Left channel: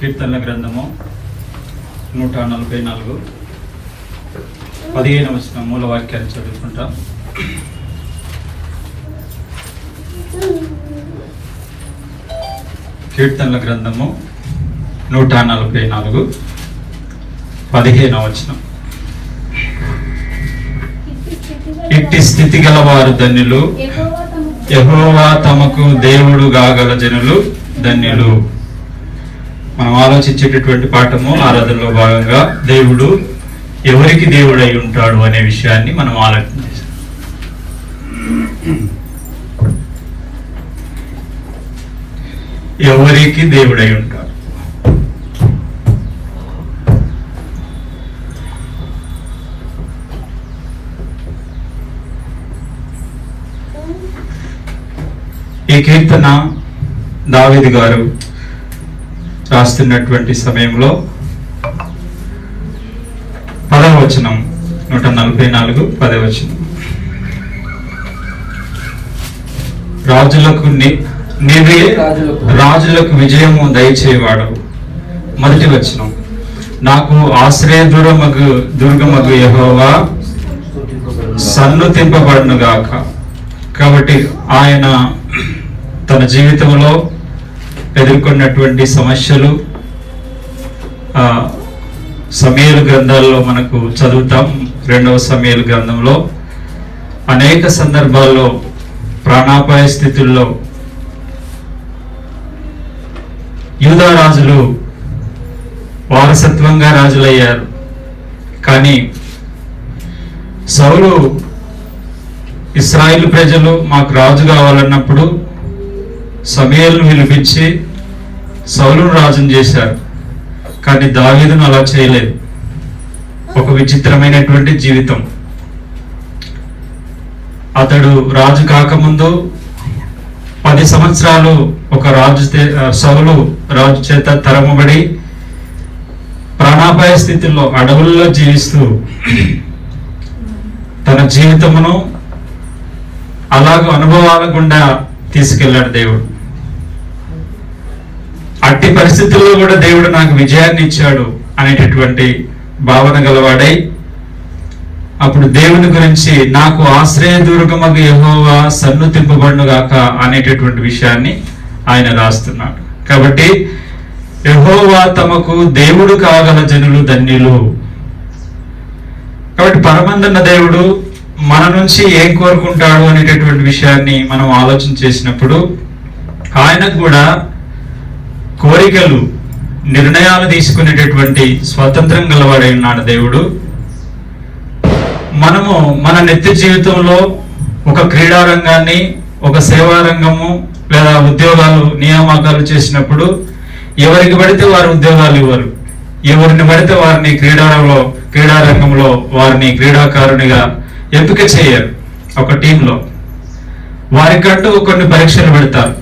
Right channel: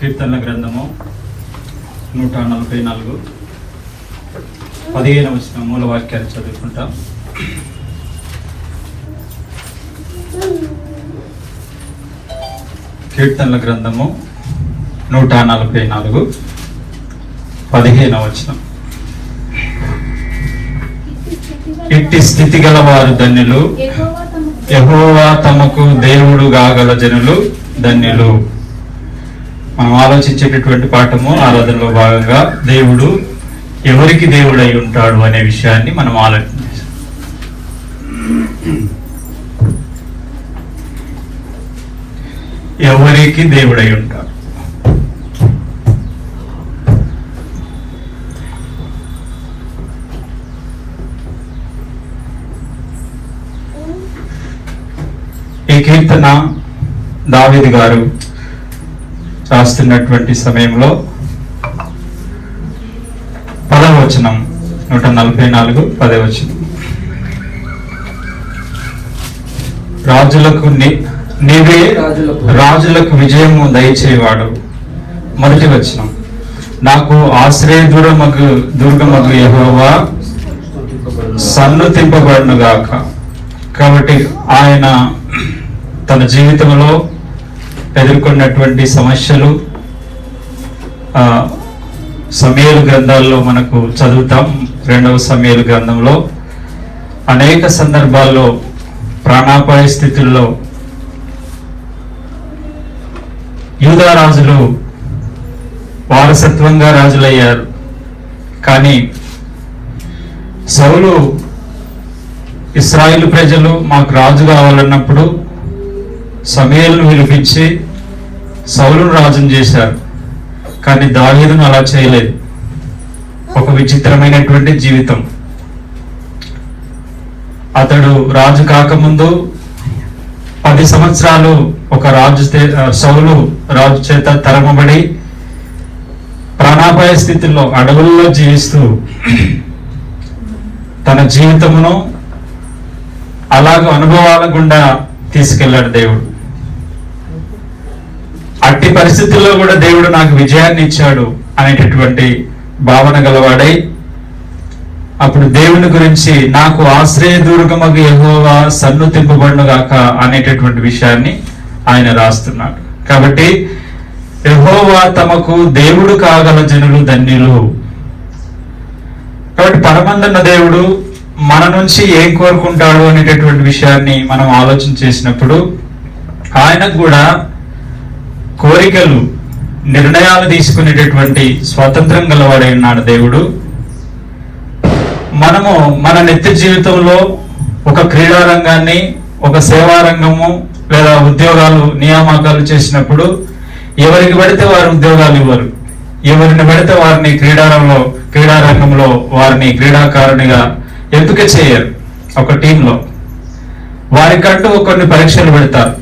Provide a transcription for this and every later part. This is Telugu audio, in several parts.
కీర్తనల గ్రంథము 144 15వ వచనం మూల వాక్యాన్ని చదువుకుంటాం. కీర్తనల గ్రంథము 144 15వ వచనం. ఇట్టి స్థితి గల వారు ధన్యులు, యెహోవా తమకు దేవుడు గాగల జనులు ధన్యులు. మనం ఆలోచించేటటువంటి పాఠము ఆరాధనలో భాగంగా దేవుడు ఎవరికి దేవుడై ఉంటాడు అనే విషయాన్ని మనం ఆలోచించాం. ఎవరికి దేవుడై ఉంటాడు? ఈ కీర్తన దావీదు గారు రాస్తున్నటువంటి సమయంలో 10వ వచనం 144 10వ వచనం. నీవే రాజులకు విజయము దయచేవాడు. మొదటి వచనం, నాకు ఆశ్రయ దుర్గమగు యెహోవా సన్నుతింపబడును గాక. కాబట్టి ఆయన తన జీవితంలో ఎదుర్కొన్నటువంటి సమస్యలు సమూయేలు గ్రంథాల్లో మనకు చదువుతాం. 2వ సమూయేలు గ్రంథంలో అనేక సందర్భాల్లో ప్రాణాపాయ స్థితుల్లో యూదా రాజులు వారసత్వంగా రాజులయ్యారు. కానీ సౌలు ఇశ్రాయేలు ప్రజలు మాకు రాజు కావాలన్నప్పుడు సమూయేలును పిలిపించి సౌలును రాజును చేశారు. కానీ దావీదును అలా చేయలేదు. ఒక విచిత్రమైనటువంటి జీవితం. అతడు రాజు కాకముందు 10 సంవత్సరాలు ఒక సౌలు రాజు చేత తరమబడి ప్రాణాపాయ స్థితిలో అడవుల్లో జీవిస్తూ తన జీవితమును అలాగ అనుభవాల గుండా తీసుకెళ్లాడు దేవుడు. అట్టి పరిస్థితుల్లో కూడా దేవుడు నాకు విజయాన్ని ఇచ్చాడు అనేటటువంటి భావన గలవాడై అప్పుడు దేవుని గురించి నాకు ఆశ్రయ దుర్గమగు యెహోవా సన్నుతింపబడును గాక అనేటటువంటి విషయాన్ని ఆయన రాస్తున్నాడు. కాబట్టి యెహోవా తమకు దేవుడు కాగల జనులు ధన్యులు. కాబట్టి పరమందున్న దేవుడు మన నుంచి ఏం కోరుకుంటాడు అనేటటువంటి విషయాన్ని మనం ఆలోచన చేసినప్పుడు ఆయనకు కూడా కోరికలు, నిర్ణయాలు తీసుకునేటటువంటి స్వాతంత్రం గలవాడై ఉన్నాడు దేవుడు. మనము మన నిత్య జీవితంలో ఒక క్రీడా రంగాన్ని, ఒక సేవా రంగము లేదా ఉద్యోగాలు నియామకాలు చేసినప్పుడు ఎవరికి పడితే వారి ఉద్యోగాలు ఇవ్వరు. ఎవరిని పడితే వారిని క్రీడా రంగంలో వారిని క్రీడాకారునిగా ఎంపిక చేయరు. ఒక టీంలో వారికంటూ కొన్ని పరీక్షలు పెడతారు.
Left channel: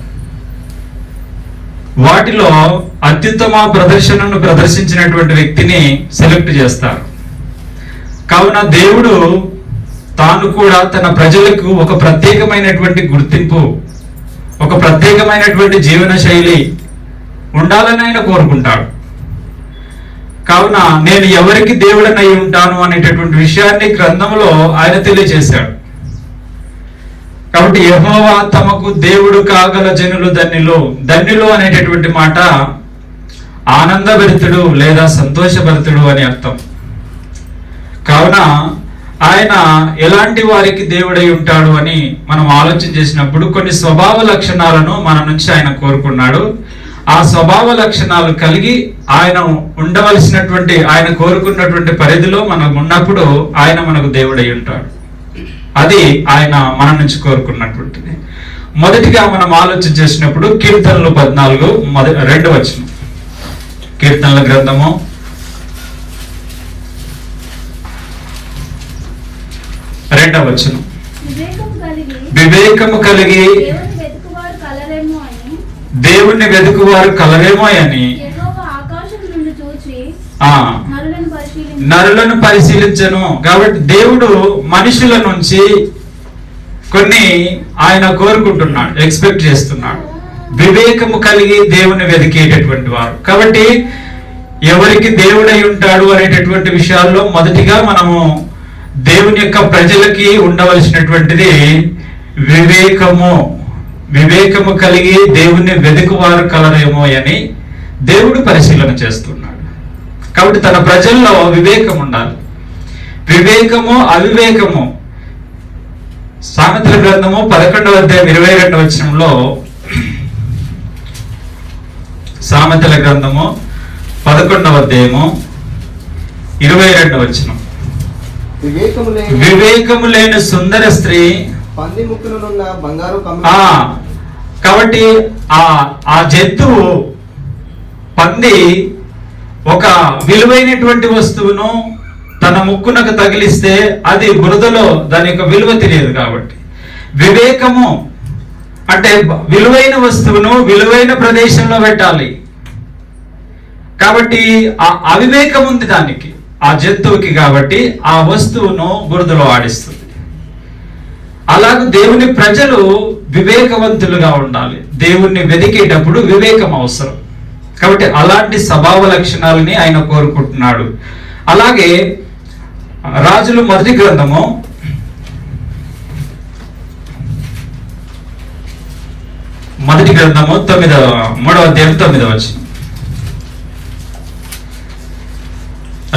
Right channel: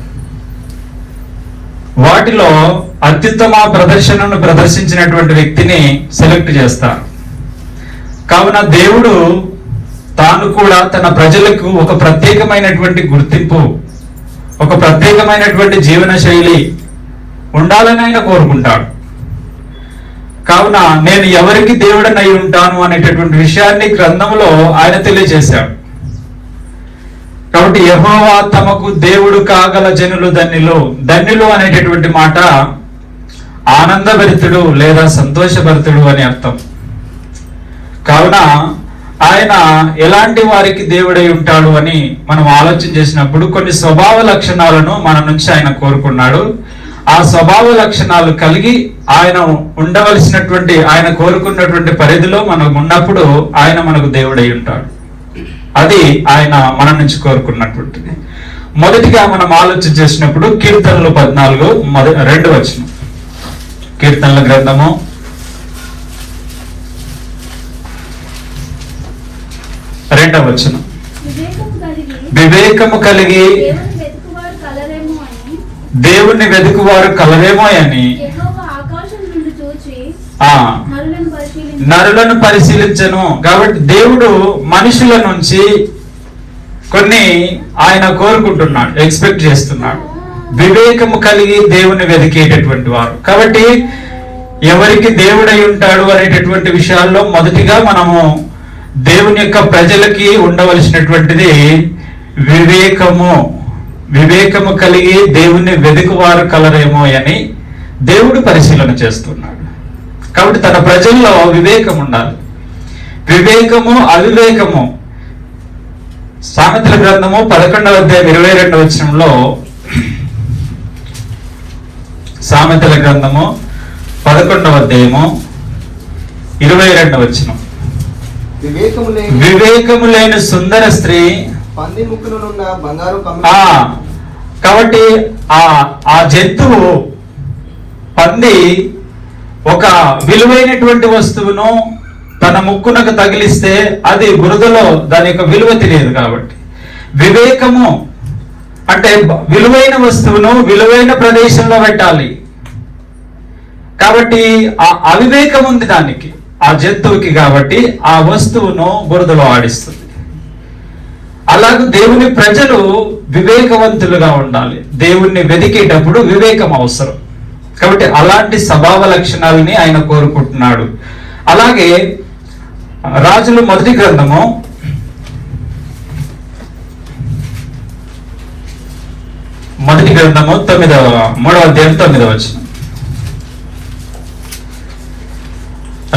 వాటిలో అత్యుత్తమ ప్రదర్శనను ప్రదర్శించినటువంటి వ్యక్తిని సెలెక్ట్ చేస్తారు. కావున దేవుడు తాను కూడా తన ప్రజలకు ఒక ప్రత్యేకమైనటువంటి గుర్తింపు, ఒక ప్రత్యేకమైనటువంటి జీవన శైలి ఉండాలని ఆయన కోరుకుంటాడు. కావున నేను ఎవరికి దేవుడనై ఉంటాను అనేటటువంటి విషయాన్ని గ్రంథంలో ఆయన తెలియజేశాడు. కాబట్టి యెహోవా తమకు దేవుడు కాగల జనులు ధన్యులు అనేటటువంటి మాట ఆనందభరితుడు లేదా సంతోషభరితుడు అని అర్థం. కావున ఆయన ఎలాంటి వారికి దేవుడై ఉంటాడు అని మనం ఆలోచన చేసినప్పుడు కొన్ని స్వభావ లక్షణాలను మన నుంచి ఆయన కోరుకున్నాడు. ఆ స్వభావ లక్షణాలు కలిగి ఆయన ఉండవలసినటువంటి, ఆయన కోరుకున్నటువంటి పరిధిలో మనం ఉన్నప్పుడు ఆయన మనకు దేవుడై ఉంటాడు. అది ఆయన మన నుంచి కోరుకున్నటువంటిది. మొదటిగా మనం ఆలోచన చేసినప్పుడు కీర్తనలు 14 2వ వచనం. కీర్తనల గ్రంథము 2వ వచనం. వివేకము కలిగి దేవుణ్ణి వెతుకువారు కలరేమో అని నరులను పరిశీలించను. కాబట్టి దేవుడు మనుషుల నుంచి కొన్ని ఆయన కోరుకుంటున్నాడు, ఎక్స్పెక్ట్ చేస్తున్నాడు. వివేకము కలిగి దేవుని వెతికేటటువంటి వారు. కాబట్టి ఎవరికి దేవుడై ఉంటాడు అనేటటువంటి విషయాల్లో మొదటిగా మనము దేవుని యొక్క ప్రజలకి ఉండవలసినటువంటిది వివేకము. వివేకము కలిగి దేవుణ్ణి వెతుకువారు కలరేమో అని దేవుడు పరిశీలన చేస్తున్నాడు. కాబట్టి తన ప్రజల్లో వివేకం ఉండాలి. వివేకము అవివేకము. సామెతల గ్రంథము 11వ అధ్యాయం 22వ వచనంలో, సామెతల గ్రంథము 11వ అధ్యాయము 22వ వచనం, వివేకము లేని సుందర స్త్రీ కాబట్టి ఆ జంతువు పంది ఒక విలువైనటువంటి వస్తువును తన ముక్కునకు తగిలిస్తే అది బురదలో దాని యొక్క విలువ తెలియదు. కాబట్టి వివేకము అంటే విలువైన వస్తువును విలువైన ప్రదేశంలో పెట్టాలి. కాబట్టి ఆ అవివేకం ఉంది దానికి, ఆ జంతువుకి. కాబట్టి ఆ వస్తువును బురదలో ఆడిస్తుంది. అలాగే దేవుని ప్రజలు వివేకవంతులుగా ఉండాలి. దేవుణ్ణి వెతికేటప్పుడు వివేకం అవసరం. కాబట్టి అలాంటి స్వభావ లక్షణాలని ఆయన కోరుకుంటున్నాడు. అలాగే రాజులు మొదటి గ్రంథము 3వ అధ్యాయం 9వ వచనం.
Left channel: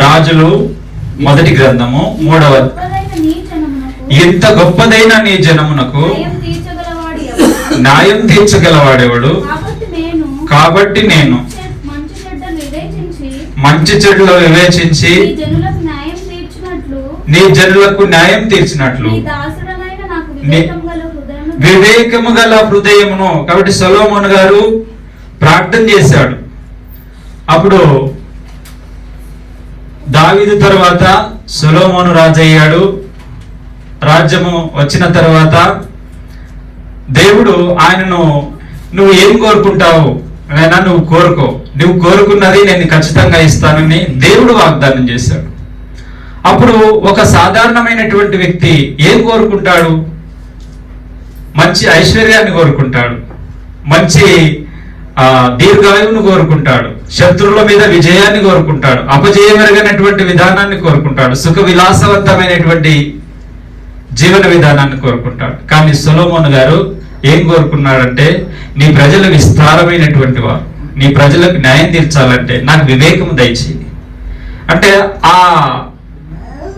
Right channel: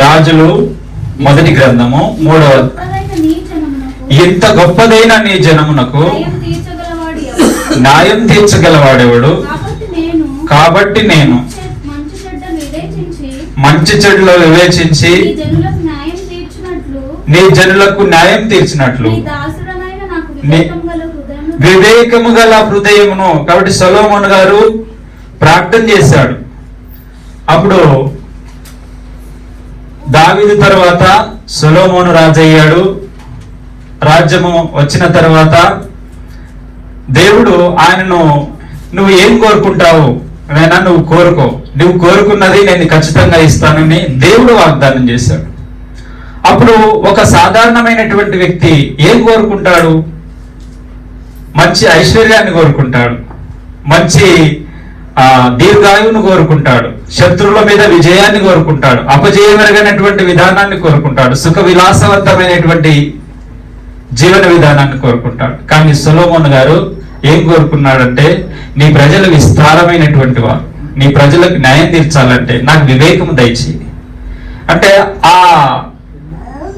రాజులు మొదటి గ్రంథము 3వ, ఎంత గొప్పదైన నీ జనమునకు న్యాయం తీర్చగలవాడెవడు? కాబట్టి నేను మంచి చెడులు వివేచించి నీ జనులకు న్యాయం తీర్చినట్లు వివేకము గల హృదయమును. కాబట్టి సొలొమోను గారు ప్రార్థన చేశాడు. అప్పుడు దావీదు తర్వాత సొలొమోను రాజు అయ్యాడు. రాజ్యము వచ్చిన తర్వాత దేవుడు ఆయనను, నువ్వు ఏం కోరుకుంటావు అయినా నువ్వు కోరుకో, నువ్వు కోరుకున్నది నేను ఖచ్చితంగా ఇస్తానని దేవుడు వాగ్దానం చేశాడు. అప్పుడు ఒక సాధారణమైనటువంటి వ్యక్తి ఏం కోరుకుంటాడు? మంచి ఐశ్వర్యాన్ని కోరుకుంటాడు, మంచి దీర్ఘాయువును కోరుకుంటాడు, శత్రువుల మీద విజయాన్ని కోరుకుంటాడు, అపజయమరగనటువంటి విధానాన్ని కోరుకుంటాడు, సుఖ విలాసవంతమైనటువంటి జీవన విధానాన్ని కోరుకుంటాడు. కానీ సొలొమోను గారు ఏం కోరుకున్నాడంటే, నీ ప్రజలు విస్తారమైనటువంటి వారు, నీ ప్రజలకు న్యాయం తీర్చాలంటే నాకు వివేకము దయచేయి అంటే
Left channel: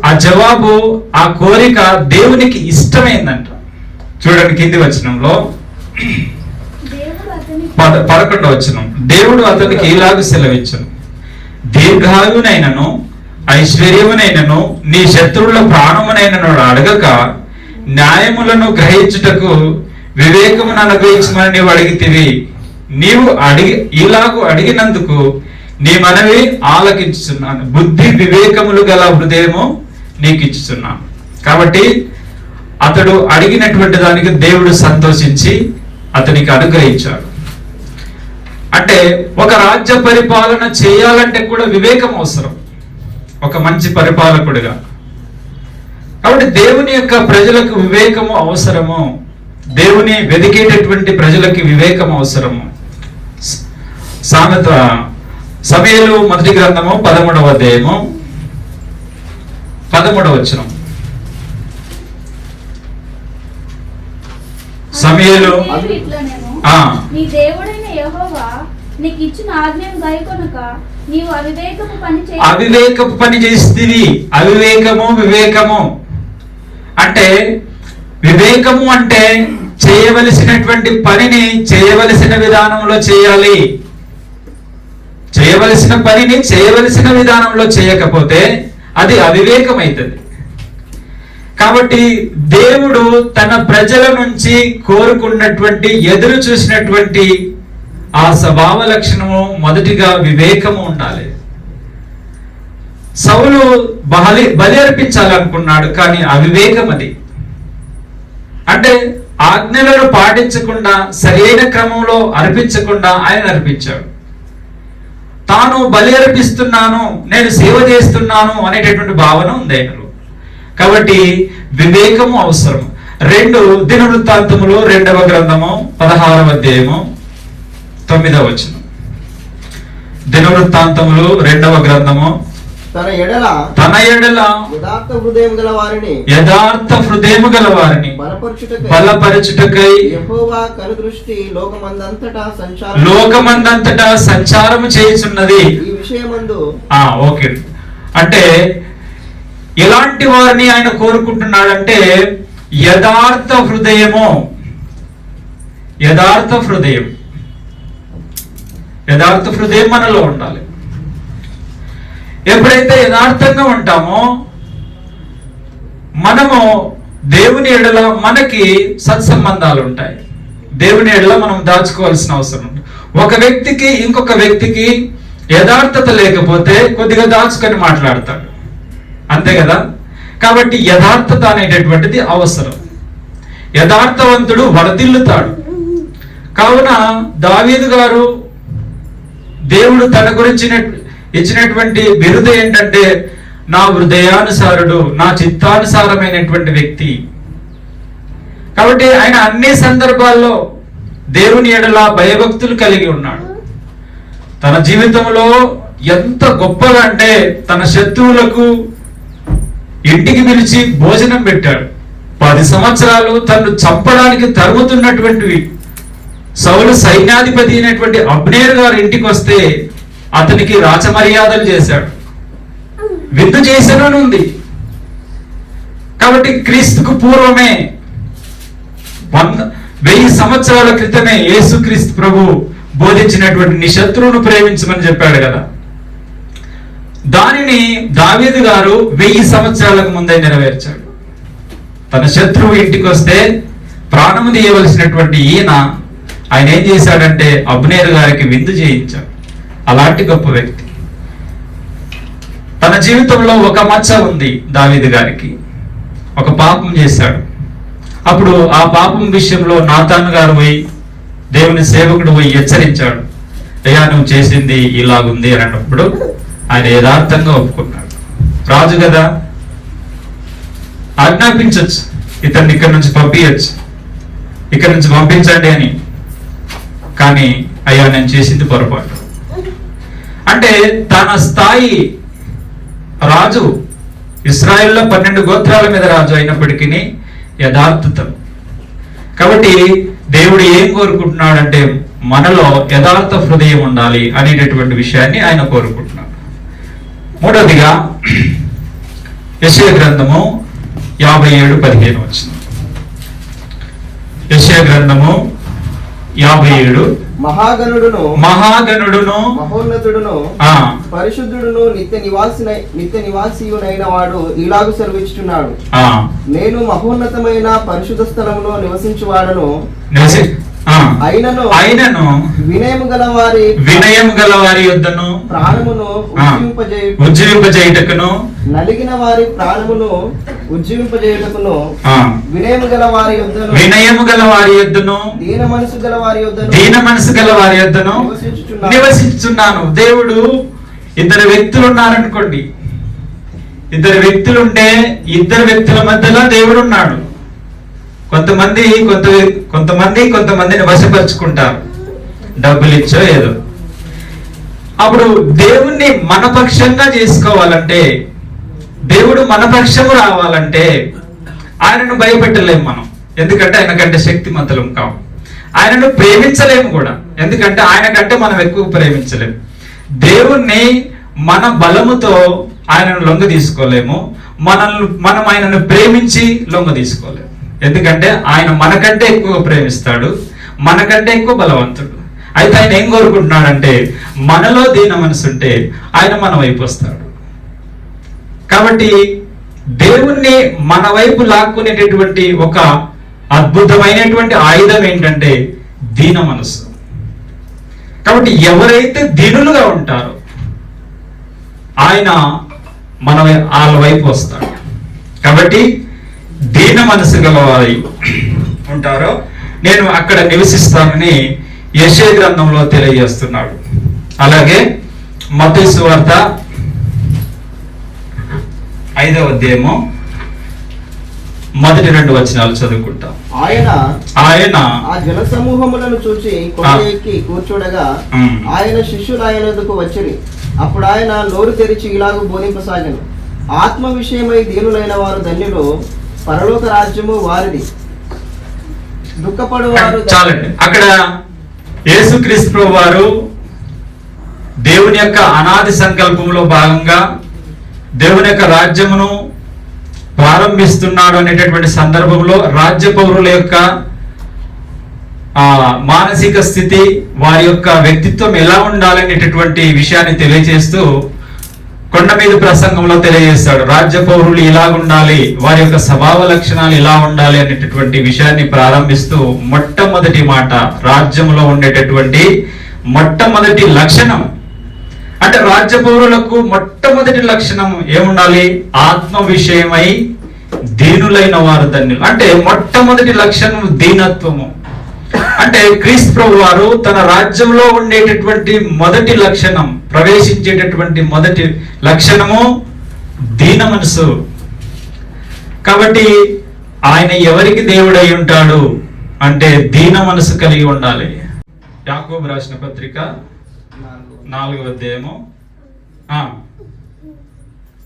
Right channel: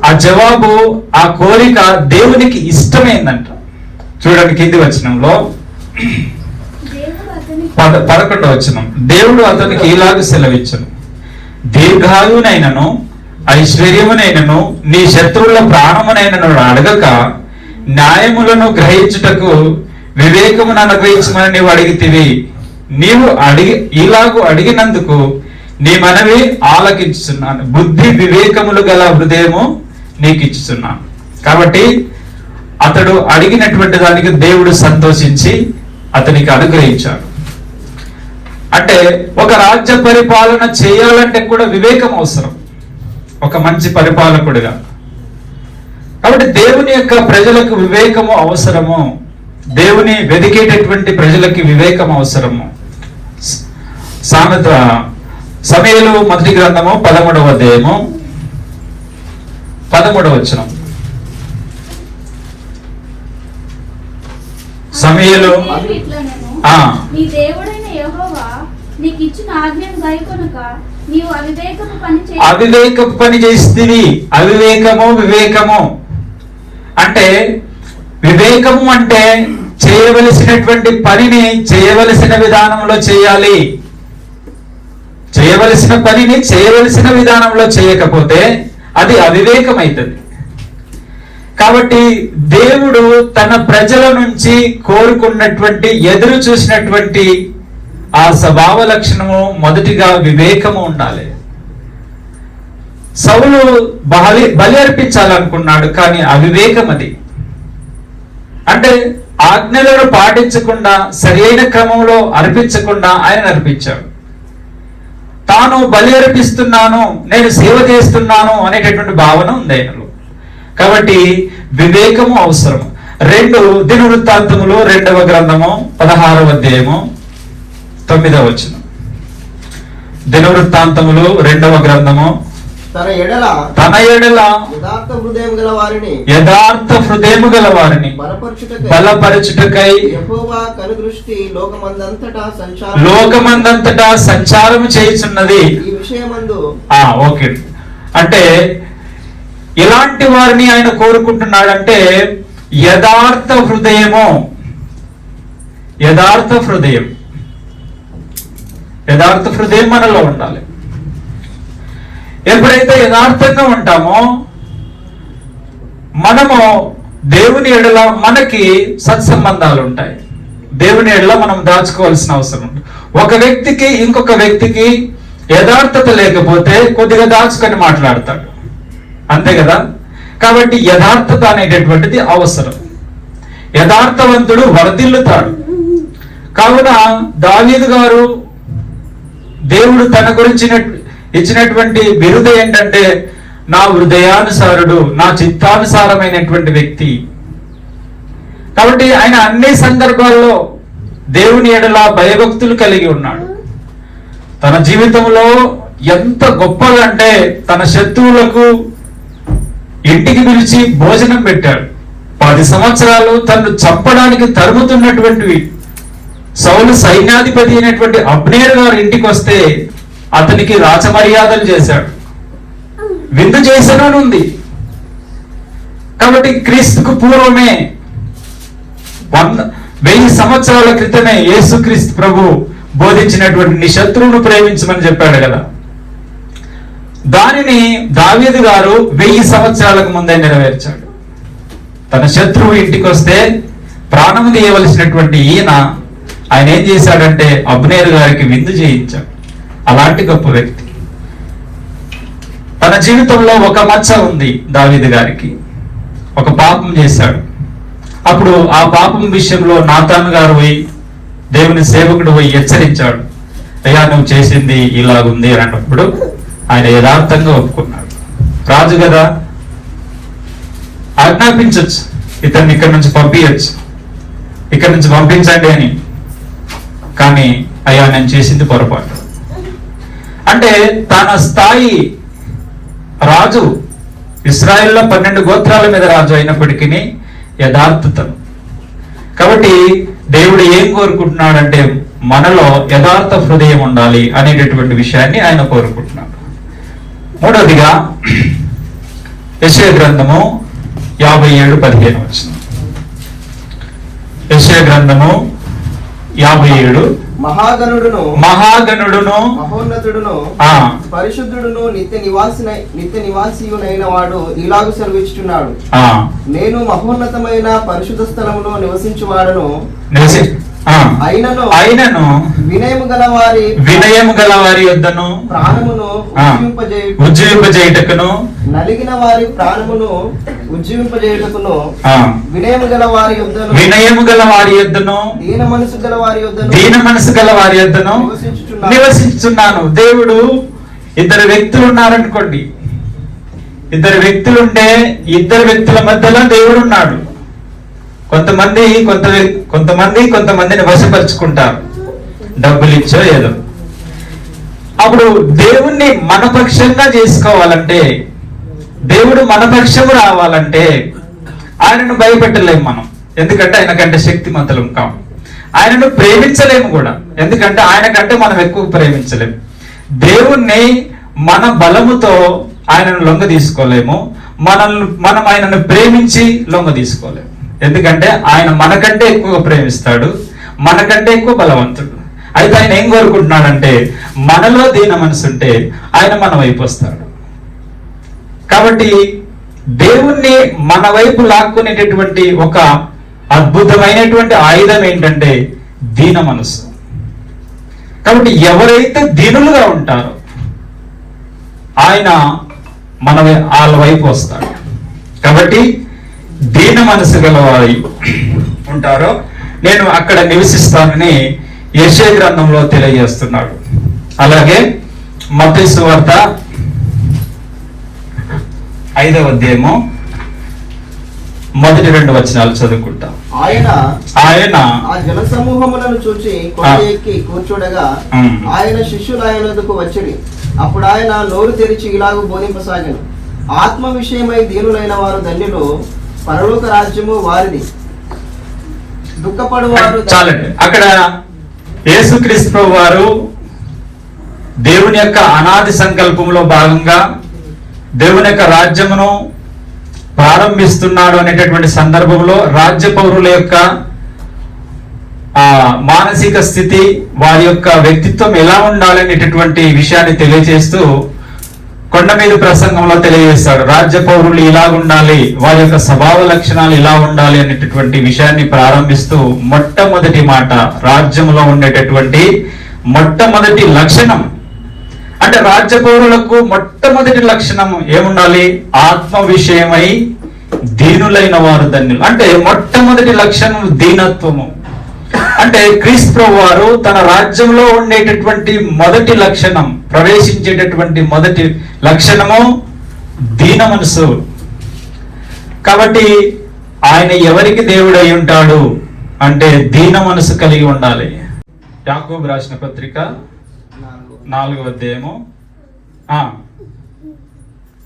ఆ జవాబు, ఆ కోరిక దేవునికి ఇష్టమైందంట. చూడండి కింది వచనంలో 11వ వచనం, దేవుడు అతనికి ఇలాగ సెలవిచ్చును, దీర్ఘాయువునైనను ఐశ్వర్యమునైనను నీ శత్రువుల ప్రాణమునైనను అడగక న్యాయములను గ్రహించుటకు వివేకమును అనుగ్రహించమని నీవు అడిగితివి. నీవు ఇలాగూ అడిగినందుకు నీ మనవి ఆలకించుచున్నాను, బుద్ధి వివేకములు గల హృదయము నీకు ఇచ్చుచున్నాను. కాబట్టి అతడు అడిగినటువంటి దానికి దేవుడు సంతోషించి అతనికి అనుగ్రహించాడు. అంటే ఒక రాజ్య పరిపాలన చేయాలంటే కూడా వివేకం అవసరం, ఒక మంచి పరిపాలకుడిగా. కాబట్టి దేవుని యొక్క ప్రజలకు వివేకము అవసరము, దేవుని వెతికేటటువంటి ప్రజలకి వివేకం అవసరము. సమూయేలు మొదటి గ్రంథము 13వ అధ్యాయము 13వ వచనం. సమూయేలు అవివేకపు పని చేస్తుంది. వివేకము అంటే, వివేకము అంటే చేయవలసినటువంటి పనిని చేయవలసిన విధానంలో చేయాలి. చేయవలసిన పనిని చేయవలసిన విధానంలో చేయకపోతే అది అవివేకం అవుతుంది. కాబట్టి దేవుడు తన ప్రజల నుంచి కోరుకున్నటువంటి, ఎదురు చూసినటువంటి ఆ స్వభావ లక్షణము మొదటిగా వివేకము ఉండాలి. సౌలు బలి అర్పించాలనుకున్నాడు, కానీ అవివేకం అది. అంటే ఆజ్ఞలను పాటించకుండా, సరి అయిన క్రమంలో అర్పించకుండా ఆయన అర్పించాడు. తాను బలి అర్పిస్తున్నాను, నేను సేవ చేస్తున్నాను అనేటటువంటి భావన ఉంది ఆయనలో. కాబట్టి వివేకము అవసరం. 2 దినవృత్తాంతములు 2వ గ్రంథము 16వ అధ్యాయము 9వ వచనం. దినవృత్తాంతములు 2వ గ్రంథము. తన ఎడల యథార్థ హృదయము గల వారిని బలపరచుటకై యెహోవా కనుదృష్టి లోకమందంతటా సంచారము చేయుచున్నది. ఈ విషయమందు ఓకే, అంటే ఎలాంటి వారిని ఆయన కోరుకుంటున్నాడంటే యథార్థ హృదయము. యథార్థ హృదయం మనలో ఉండాలి. ఎప్పుడైతే యథార్థంగా ఉంటామో మనము దేవుని ఎడల మనకి సత్సంబంధాలు ఉంటాయి. దేవుని ఎడల మనం దాచుకోవాల్సిన అవసరం ఉంది. ఒక వ్యక్తికి ఇంకొక వ్యక్తికి యథార్థత లేకపోతే కొద్దిగా దాచుకొని మాట్లాడతాడు, అంతే కదా. కాబట్టి యథార్థత అనేటటువంటిది అవసరం. యథార్థవంతుడు వర్ధిల్లుతాడు. కావున దావీదు గారు దేవుడు తన గురించి ఇచ్చినటువంటి బిరుదు ఏంటంటే నా హృదయానుసారుడు, నా చిత్తానుసారమైనటువంటి వ్యక్తి. కాబట్టి ఆయన అన్ని సందర్భాల్లో దేవుని ఎడల భయభక్తులు కలిగి ఉన్నాడు. తన జీవితంలో ఎంత గొప్పగా అంటే తన శత్రువులకు ఇంటికి పిలిచి భోజనం పెట్టాడు. 10 సంవత్సరాలు తను చంపడానికి తరుముతున్నటువంటివి సౌలు సైన్యాధిపతి అయినటువంటి అబ్నేర్ గారు ఇంటికి వస్తే అతనికి రాచమర్యాదలు చేశాడు, విందు చేశాను అని ఉంది. కాబట్టి క్రీస్తుకు పూర్వమే 1000 సంవత్సరాల క్రితమే యేసుక్రీస్తు ప్రభు బోధించినటువంటి నీ శత్రువును ప్రేమించమని చెప్పాడు కదా. దానిని దావీదు గారు 1000 సంవత్సరాలకు ముందే నెరవేర్చాడు. తన శత్రువు ఇంటికి వస్తే ప్రాణము తీయవలసినటువంటి ఆయన ఏం చేశాడంటే అబ్నేరు గారికి విందు చేయించాడు. అలాంటి గొప్ప వ్యక్తి. తన జీవితంలో ఒక మచ్చ ఉంది దావీదు గారికి. ఒక పాపం చేశాడు. అప్పుడు ఆ పాపం విషయంలో నాతాను గారు పోయి దేవుని సేవకుడు పోయి హెచ్చరించాడు, అయ్యా నువ్వు చేసింది ఇలాగుంది అని అన్నప్పుడు ఆయన యథార్థంగా ఒప్పుకున్నాడు. రాజు కదా, ఆజ్ఞాపించవచ్చు, ఇతన్ని ఇక్కడి నుంచి పంపించచ్చు, ఇక్కడి నుంచి పంపించండి అని. కానీ అయ్యా నేను చేసింది పొరపాటు అంటే తన స్థాయి రాజు, ఇశ్రాయేల్లో 12 గోత్రాల మీద రాజు అయినప్పటికీ యథార్థత. కాబట్టి దేవుడు ఏం కోరుకుంటున్నాడంటే మనలో యథార్థ హృదయం ఉండాలి అనేటటువంటి విషయాన్ని ఆయన కోరుకుంటున్నాడు. మూడవదిగా యెషయా గ్రంథము 57:15 వచ్చింది. యెషయా గ్రంథము 57. మహాగణుడును మహోన్నతుడును పరిశుద్ధుడును నిత్య నివాసియునైన వాడు ఇలాగు సెలవిస్తున్నాడు, నేను మహోన్నతమైన పరిశుద్ధ స్థలములో నివసించువాడను, అయినను వినయము గల వారి యొద్దను ప్రాణమును ఉజ్జీవింపజేయుటకును నలిగిన వారి ప్రాణమును ఉజ్జీవింపజేయుటకును వినయము గల వారి యొద్దను దీన మనసు గల వారి యొద్దను నివసించున్నాను. దేవుడు ఇద్దరు వ్యక్తులు ఉన్నారనుకోండి, ఇద్దరు వ్యక్తులుంటే ఇద్దరు వ్యక్తుల మధ్యలో దేవుడు ఉన్నాడు. కొంతమందిని వశపరుచుకుంటారు, డబ్బులు ఇచ్చో ఏదో. అప్పుడు దేవుణ్ణి మనపక్షంగా చేసుకోవాలంటే, దేవుడు మనపక్షము రావాలంటే ఆయనను భయపెట్టలేము మనం, ఎందుకంటే ఆయన కంటే శక్తిమంతులం కావు. ఆయనను ప్రేమించలేము కూడా, ఎందుకంటే ఆయన కంటే మనం ఎక్కువ ప్రేమించలేము. దేవుణ్ణి మన బలముతో ఆయనను లొంగ తీసుకోలేము, మనం ఆయనను ప్రేమించి లొంగ తీసుకోలేము. ఎందుకంటే ఆయన మనకంటే ఎక్కువ ప్రేమిస్తాడు, మనకంటే ఎక్కువ బలవంతుడు. అయితే ఆయన ఏం కోరుకుంటున్నాడంటే మనలో దీన మనసు ఉంటే ఆయన మన వైపు వస్తాడు. కాబట్టి దేవుణ్ణి మన వైపు లాక్కునేటటువంటి ఒక అద్భుతమైనటువంటి ఆయుధం ఏంటంటే దీన మనసు. కాబట్టి ఎవరైతే దీనులుగా ఉంటారో ఆయన వాళ్ళ వైపు వస్తాడు. కాబట్టి దీన మనసు గలవారి ఉంటారో నేను అక్కడ నివసిస్తానని యెషయా గ్రంథంలో తెలియజేస్తున్నాడు. అలాగే మత్తయి సువార్త 5వ అధ్యాయము 1-2 వచనాలు చదువుకుంటాం. ఆయన ఆయన ఆ జన సమూహములను చూచి కొండ ఎక్కి కూర్చుండగా ఆయన శిష్యులు ఆయన ఎదుకు వచ్చిరి. అప్పుడు ఆయన నోరు తెరిచి ఇలాగ బోధింపసాగాను. ఆత్మ విషయమై దీనులైన వారు ధన్యులు, పరలోక రాజ్యము వారిది. దుఃఖపడువారు చాలండి. అక్కడ యేసుక్రీస్తు ప్రభువు వారు దేవుని యొక్క అనాది సంకల్పంలో భాగంగా దేవుని యొక్క రాజ్యమును ప్రారంభిస్తున్నాడు అనేటటువంటి సందర్భంలో రాజ్య పౌరుల యొక్క మానసిక స్థితి, వారి యొక్క వ్యక్తిత్వం ఎలా ఉండాలనేటటువంటి విషయాన్ని తెలియజేస్తూ కొండ మీద ప్రసంగంలో తెలియజేస్తాడు. రాజ్య పౌరులు ఇలా ఉండాలి, వారి యొక్క స్వభావ లక్షణాలు ఇలా ఉండాలి అనేటటువంటి విషయాన్ని ప్రారంభిస్తూ మొట్టమొదటి మాట రాజ్యంలో ఉండేటటువంటి మొట్టమొదటి లక్షణం అంటే రాజ్య పౌరులకు మొట్టమొదటి లక్షణం ఏముండాలి? ఆత్మ విషయమై దీనులైన వారు ధన్యులు. అంటే మొట్టమొదటి లక్షణం దీనత్వము. అంటే క్రీస్తు ప్రభు వారు తన రాజ్యంలో ఉండేటటువంటి మొదటి లక్షణం, ప్రవేశించేటటువంటి మొదటి లక్షణము దీన మనసు. కాబట్టి ఆయన ఎవరికి దేవుడై ఉంటాడు అంటే దీన మనసు కలిగి ఉండాలి. యాకోబు రాసిన పత్రిక 4వ అధ్యాయము.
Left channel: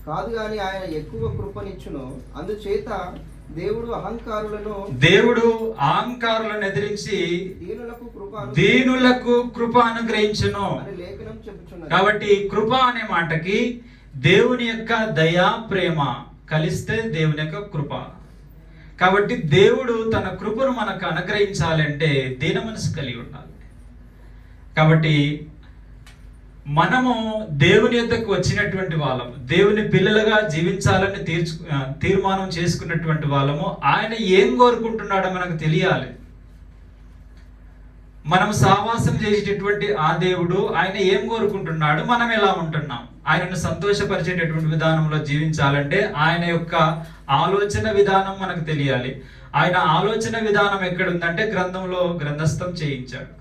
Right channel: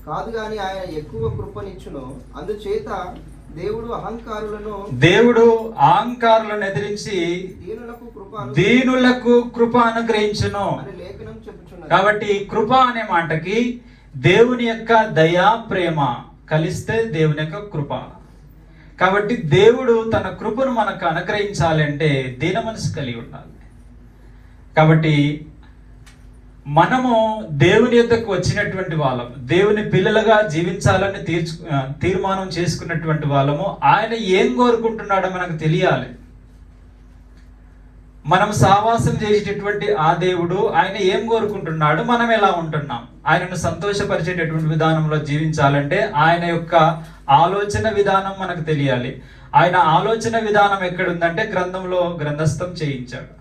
కాదు గాని ఆయన ఎక్కువ కృపనిచ్చును, అందుచేత దేవుడు అహంకారులను ఎదిరించి దీనులకు కృప అనుగ్రహించును. కాబట్టి కృప అనే మాటకి దేవుని యొక్క దయా ప్రేమ కలిస్తే దేవుని యొక్క కృప. కాబట్టి దేవుడు తన కృపను మనకు అనుగ్రహించాలంటే దీన మనసు కలిగి ఉండాలి. కాబట్టి మనము దేవుని యొద్దకు వచ్చినటువంటి వాళ్ళము, దేవుని పిల్లలుగా జీవించాలని తీర్మానం చేసుకున్నటువంటి వాళ్ళము. ఆయన ఏం కోరుకుంటున్నాడో మనకు తెలియాలి. మనం సావాసం చేసేటటువంటి ఆ దేవుడు ఆయన ఏం కోరుకుంటున్నాడు, మనం ఎలా ఉంటున్నాం, ఆయనను సంతోషపరిచేటటువంటి విధానంలో జీవించాలంటే ఆయన యొక్క ఆలోచన విధానం మనకు తెలియాలి. ఆయన ఆలోచన విధానం ఎక్కడుందంటే గ్రంథస్థం చేయించాడు.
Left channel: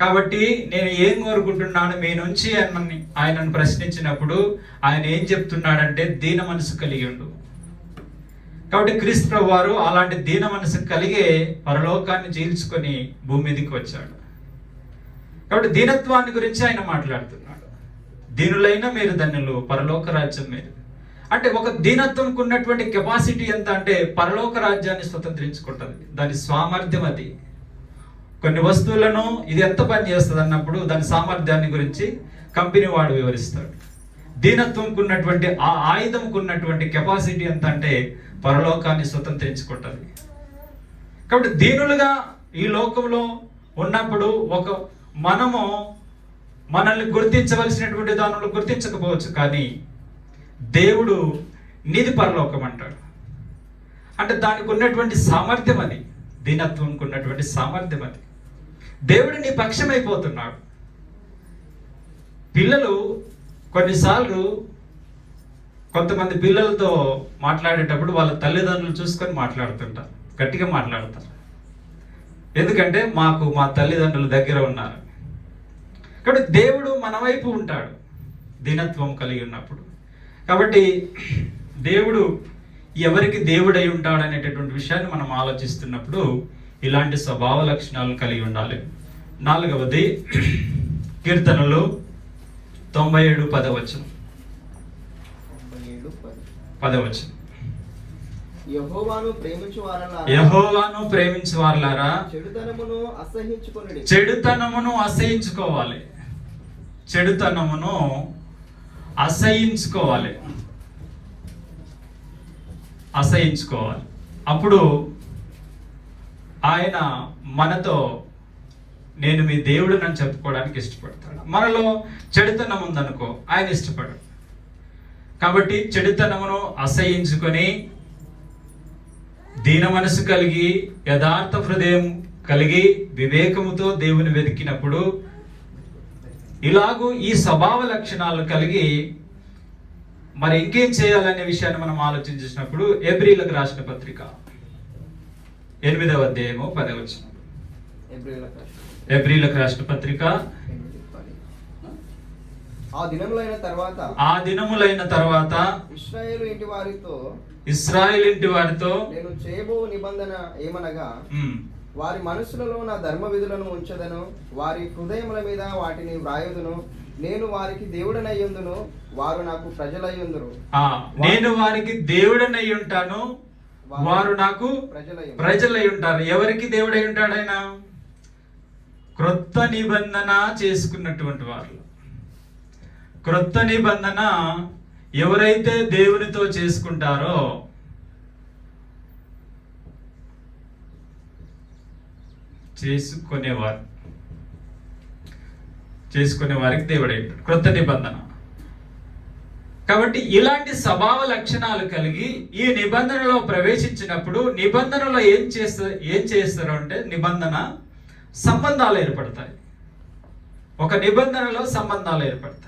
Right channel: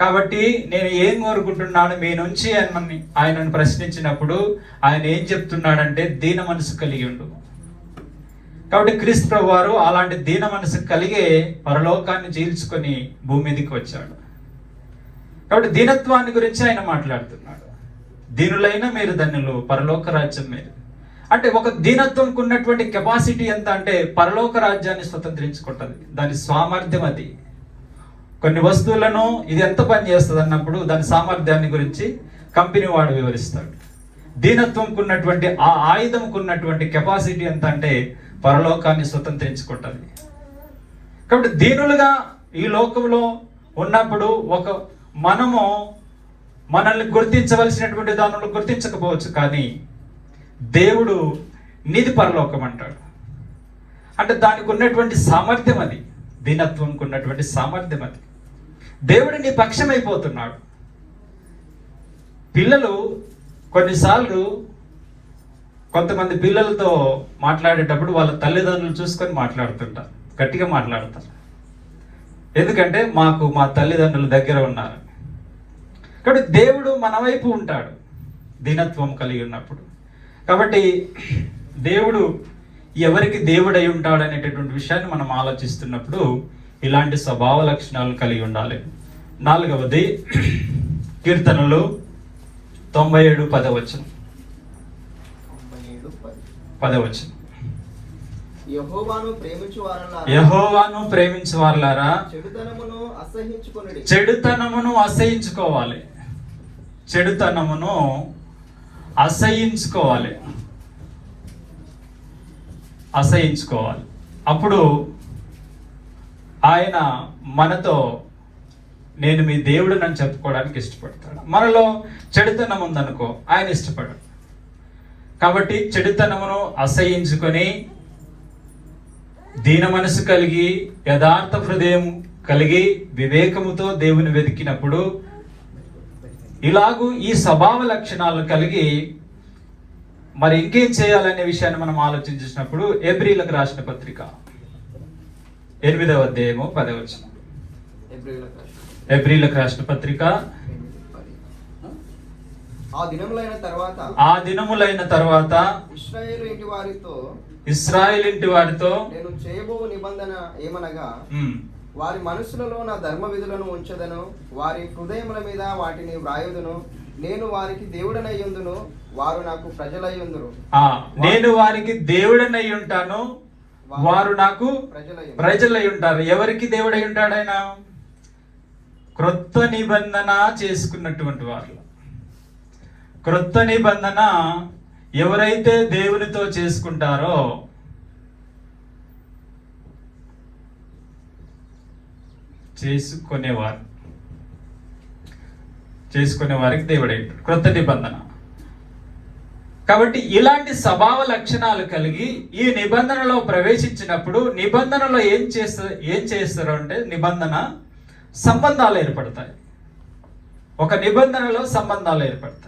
కాబట్టి నేను ఏం కోరుకుంటున్నాను మీ నుంచి అని ఆయనను ప్రశ్నించినప్పుడు ఆయన ఏం చెప్తున్నాడంటే దీన మనసు కలిగి ఉండు. కాబట్టి క్రీస్తు ప్రభువు వారు అలాంటి దీన మనసు కలిగే పరలోకాన్ని చీల్చుకొని భూమి మీదకి వచ్చాడు. కాబట్టి దీనత్వాన్ని గురించి ఆయన మాట్లాడుతున్నాడు. దీనులైన మీరు ధన్యులు, పరలోక రాజ్యం మీరు. అంటే ఒక దీనత్వంకు ఉన్నటువంటి కెపాసిటీ ఎంత అంటే పరలోక రాజ్యాన్ని స్వతంత్రించుకుంటుంది. దాని సామర్థ్యం అది. కొన్ని వస్తువులను ఇది ఎంత పని చేస్తుంది అన్నప్పుడు దాని సామర్థ్యాన్ని గురించి కంపెనీ వాడు వివరిస్తాడు. దీనత్వంకు ఉన్నటువంటి ఆ ఆయుధంకు ఉన్నటువంటి కెపాసిటీ ఎంత అంటే పరలోకాన్ని స్వతంత్రించుకుంటుంది. కాబట్టి దీనులుగా ఈ లోకంలో ఉన్నప్పుడు మనము మనల్ని గుర్తించవలసినటువంటి దానిలో గుర్తించకపోవచ్చు, కానీ దేవుడు నీది పరలోకం అంటాడు. అంటే దానికి ఉన్నటువంటి సామర్థ్యం అది, దీనత్వంకు ఉన్నటువంటి సామర్థ్యం అది. దేవుడు నీ పక్షమైపోతున్నాడు. పిల్లలు కొన్నిసార్లు కొంతమంది పిల్లలతో మాట్లాడేటప్పుడు వాళ్ళ తల్లిదండ్రులు చూసుకొని మాట్లాడుతుంటారు, గట్టిగా మాట్లాడతారు. ఎందుకంటే మా తల్లిదండ్రుల దగ్గర ఉన్నారు. కాబట్టి దేవుడు మన వైపు ఉంటాడు దీనత్వం కలిగి ఉన్నప్పుడు. కాబట్టి దేవుడు ఎవరికి దేవుడై ఉంటాడు అనేటటువంటి విషయాన్ని మనం ఆలోచిస్తున్నప్పుడు ఇలాంటి స్వభావ లక్షణాలు కలిగి ఉండాలి. 4వది కీర్తనలు 97:10 యెహోవాను ప్రేమించు వారలారా చెడుతనమును అసహించుకోవాలి. చెడుతనమును అసహించుకోవాలి. అప్పుడు ఆయన మనతో నేను మీ దేవుడు అని చెప్పుకోవడానికి ఇష్టపడతాడు. మనలో చెడుతనం ఉందనుకో ఆయన ఇష్టపడడు. కాబట్టి చెడుతనమును అసహించుకొని దీన మనసు కలిగి యథార్థ హృదయం కలిగి వివేకముతో దేవుని వెతికినప్పుడు ఇలాగూ ఈ స్వభావ లక్షణాలు కలిగి మరి ఇంకేం చేయాలనే విషయాన్ని మనం ఆలోచించినప్పుడు ఎబ్రీలకు రాసిన పత్రిక 8వ అధ్యాయము 10 ఎబ్రీలకు రాసిన పత్రిక ఆ దినములైన తర్వాత ఇశ్రాయేలు ఇంటి వారితో నేను చేయబో నిబంధన ఏమనగా, వారి మనసులలో నా ధర్మ విధులను ఉంచదను, వారి హృదయముల మీద వాటిని వ్రాయుదును. నేను వారికి దేవుడనయ్యుందును, వారు నాకు ప్రజలయ్యుందురు. నేను వారికి దేవుడనై ఉంటాను, వారు నాకు ప్రజలై ఉంటారు. ఎవరికి దేవుడై ఉంటాడు ఆయన? క్రొత్త నిబంధన చేసుకున్నటువంటి వారు. క్రొత్త నిబంధన ఎవరైతే దేవునితో చేసుకుంటారో చేసుకునే వారికి దేవుడై క్రొత్త నిబంధన. కాబట్టి ఇలాంటి స్వభావ లక్షణాలు కలిగి ఈ నిబంధనలో ప్రవేశించినప్పుడు నిబంధనలో ఏం చేస్తారు అంటే నిబంధన సంబంధాలు ఏర్పడతాయి. ఒక నిబంధనలో సంబంధాలు ఏర్పడతాయి.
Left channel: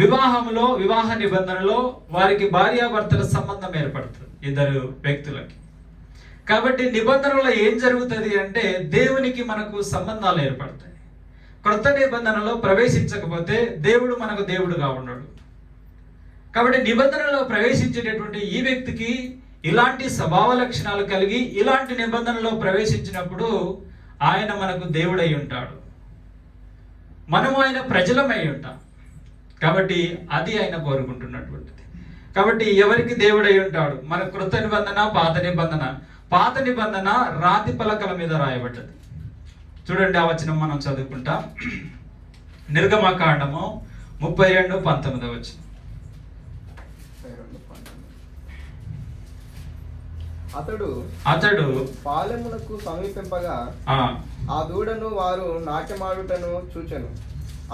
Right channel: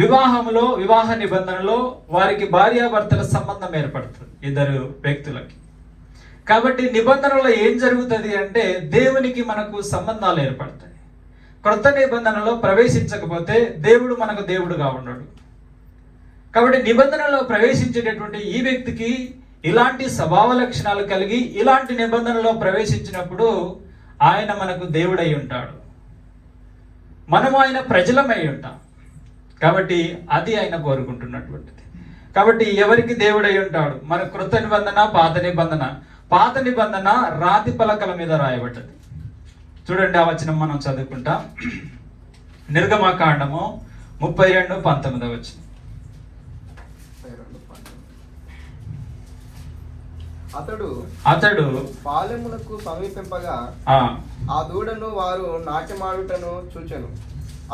వివాహ నిబంధనలో వారికి భార్యాభర్తల సంబంధం ఏర్పడుతుంది, ఇద్దరు వ్యక్తులకి. కాబట్టి నిబంధనలో ఏం జరుగుతుంది అంటే దేవునికి మనకు సంబంధాలు ఏర్పడతాయి. క్రొత్త నిబంధనలో ప్రవేశించకపోతే దేవుడు మనకు దేవుడుగా ఉన్నాడు. కాబట్టి నిబంధనలో ప్రవేశించేటటువంటి ఈ వ్యక్తికి ఇలాంటి స్వభావ లక్షణాలు కలిగి ఇలాంటి నిబంధనలో ప్రవేశించినప్పుడు ఆయన మనకు దేవుడై ఉంటాడు, మనము ఆయన ప్రజలమై ఉంటాం. కాబట్టి అది ఆయన కోరుకుంటున్నటువంటిది. కాబట్టి ఎవరికి దేవుడై ఉంటాడు? మన క్రొత్త నిబంధన, పాత నిబంధన రాతి పలకల మీద రాయబడ్డది. చూడండి, ఆ వచనం మనం చదువుకుంటాం. నిర్గమకాండము 32:19 వచనం. అతడు పాలెమునకు సమీపింపగా ఆ దూడను వారు నాట్యమాడుటను చూచెను.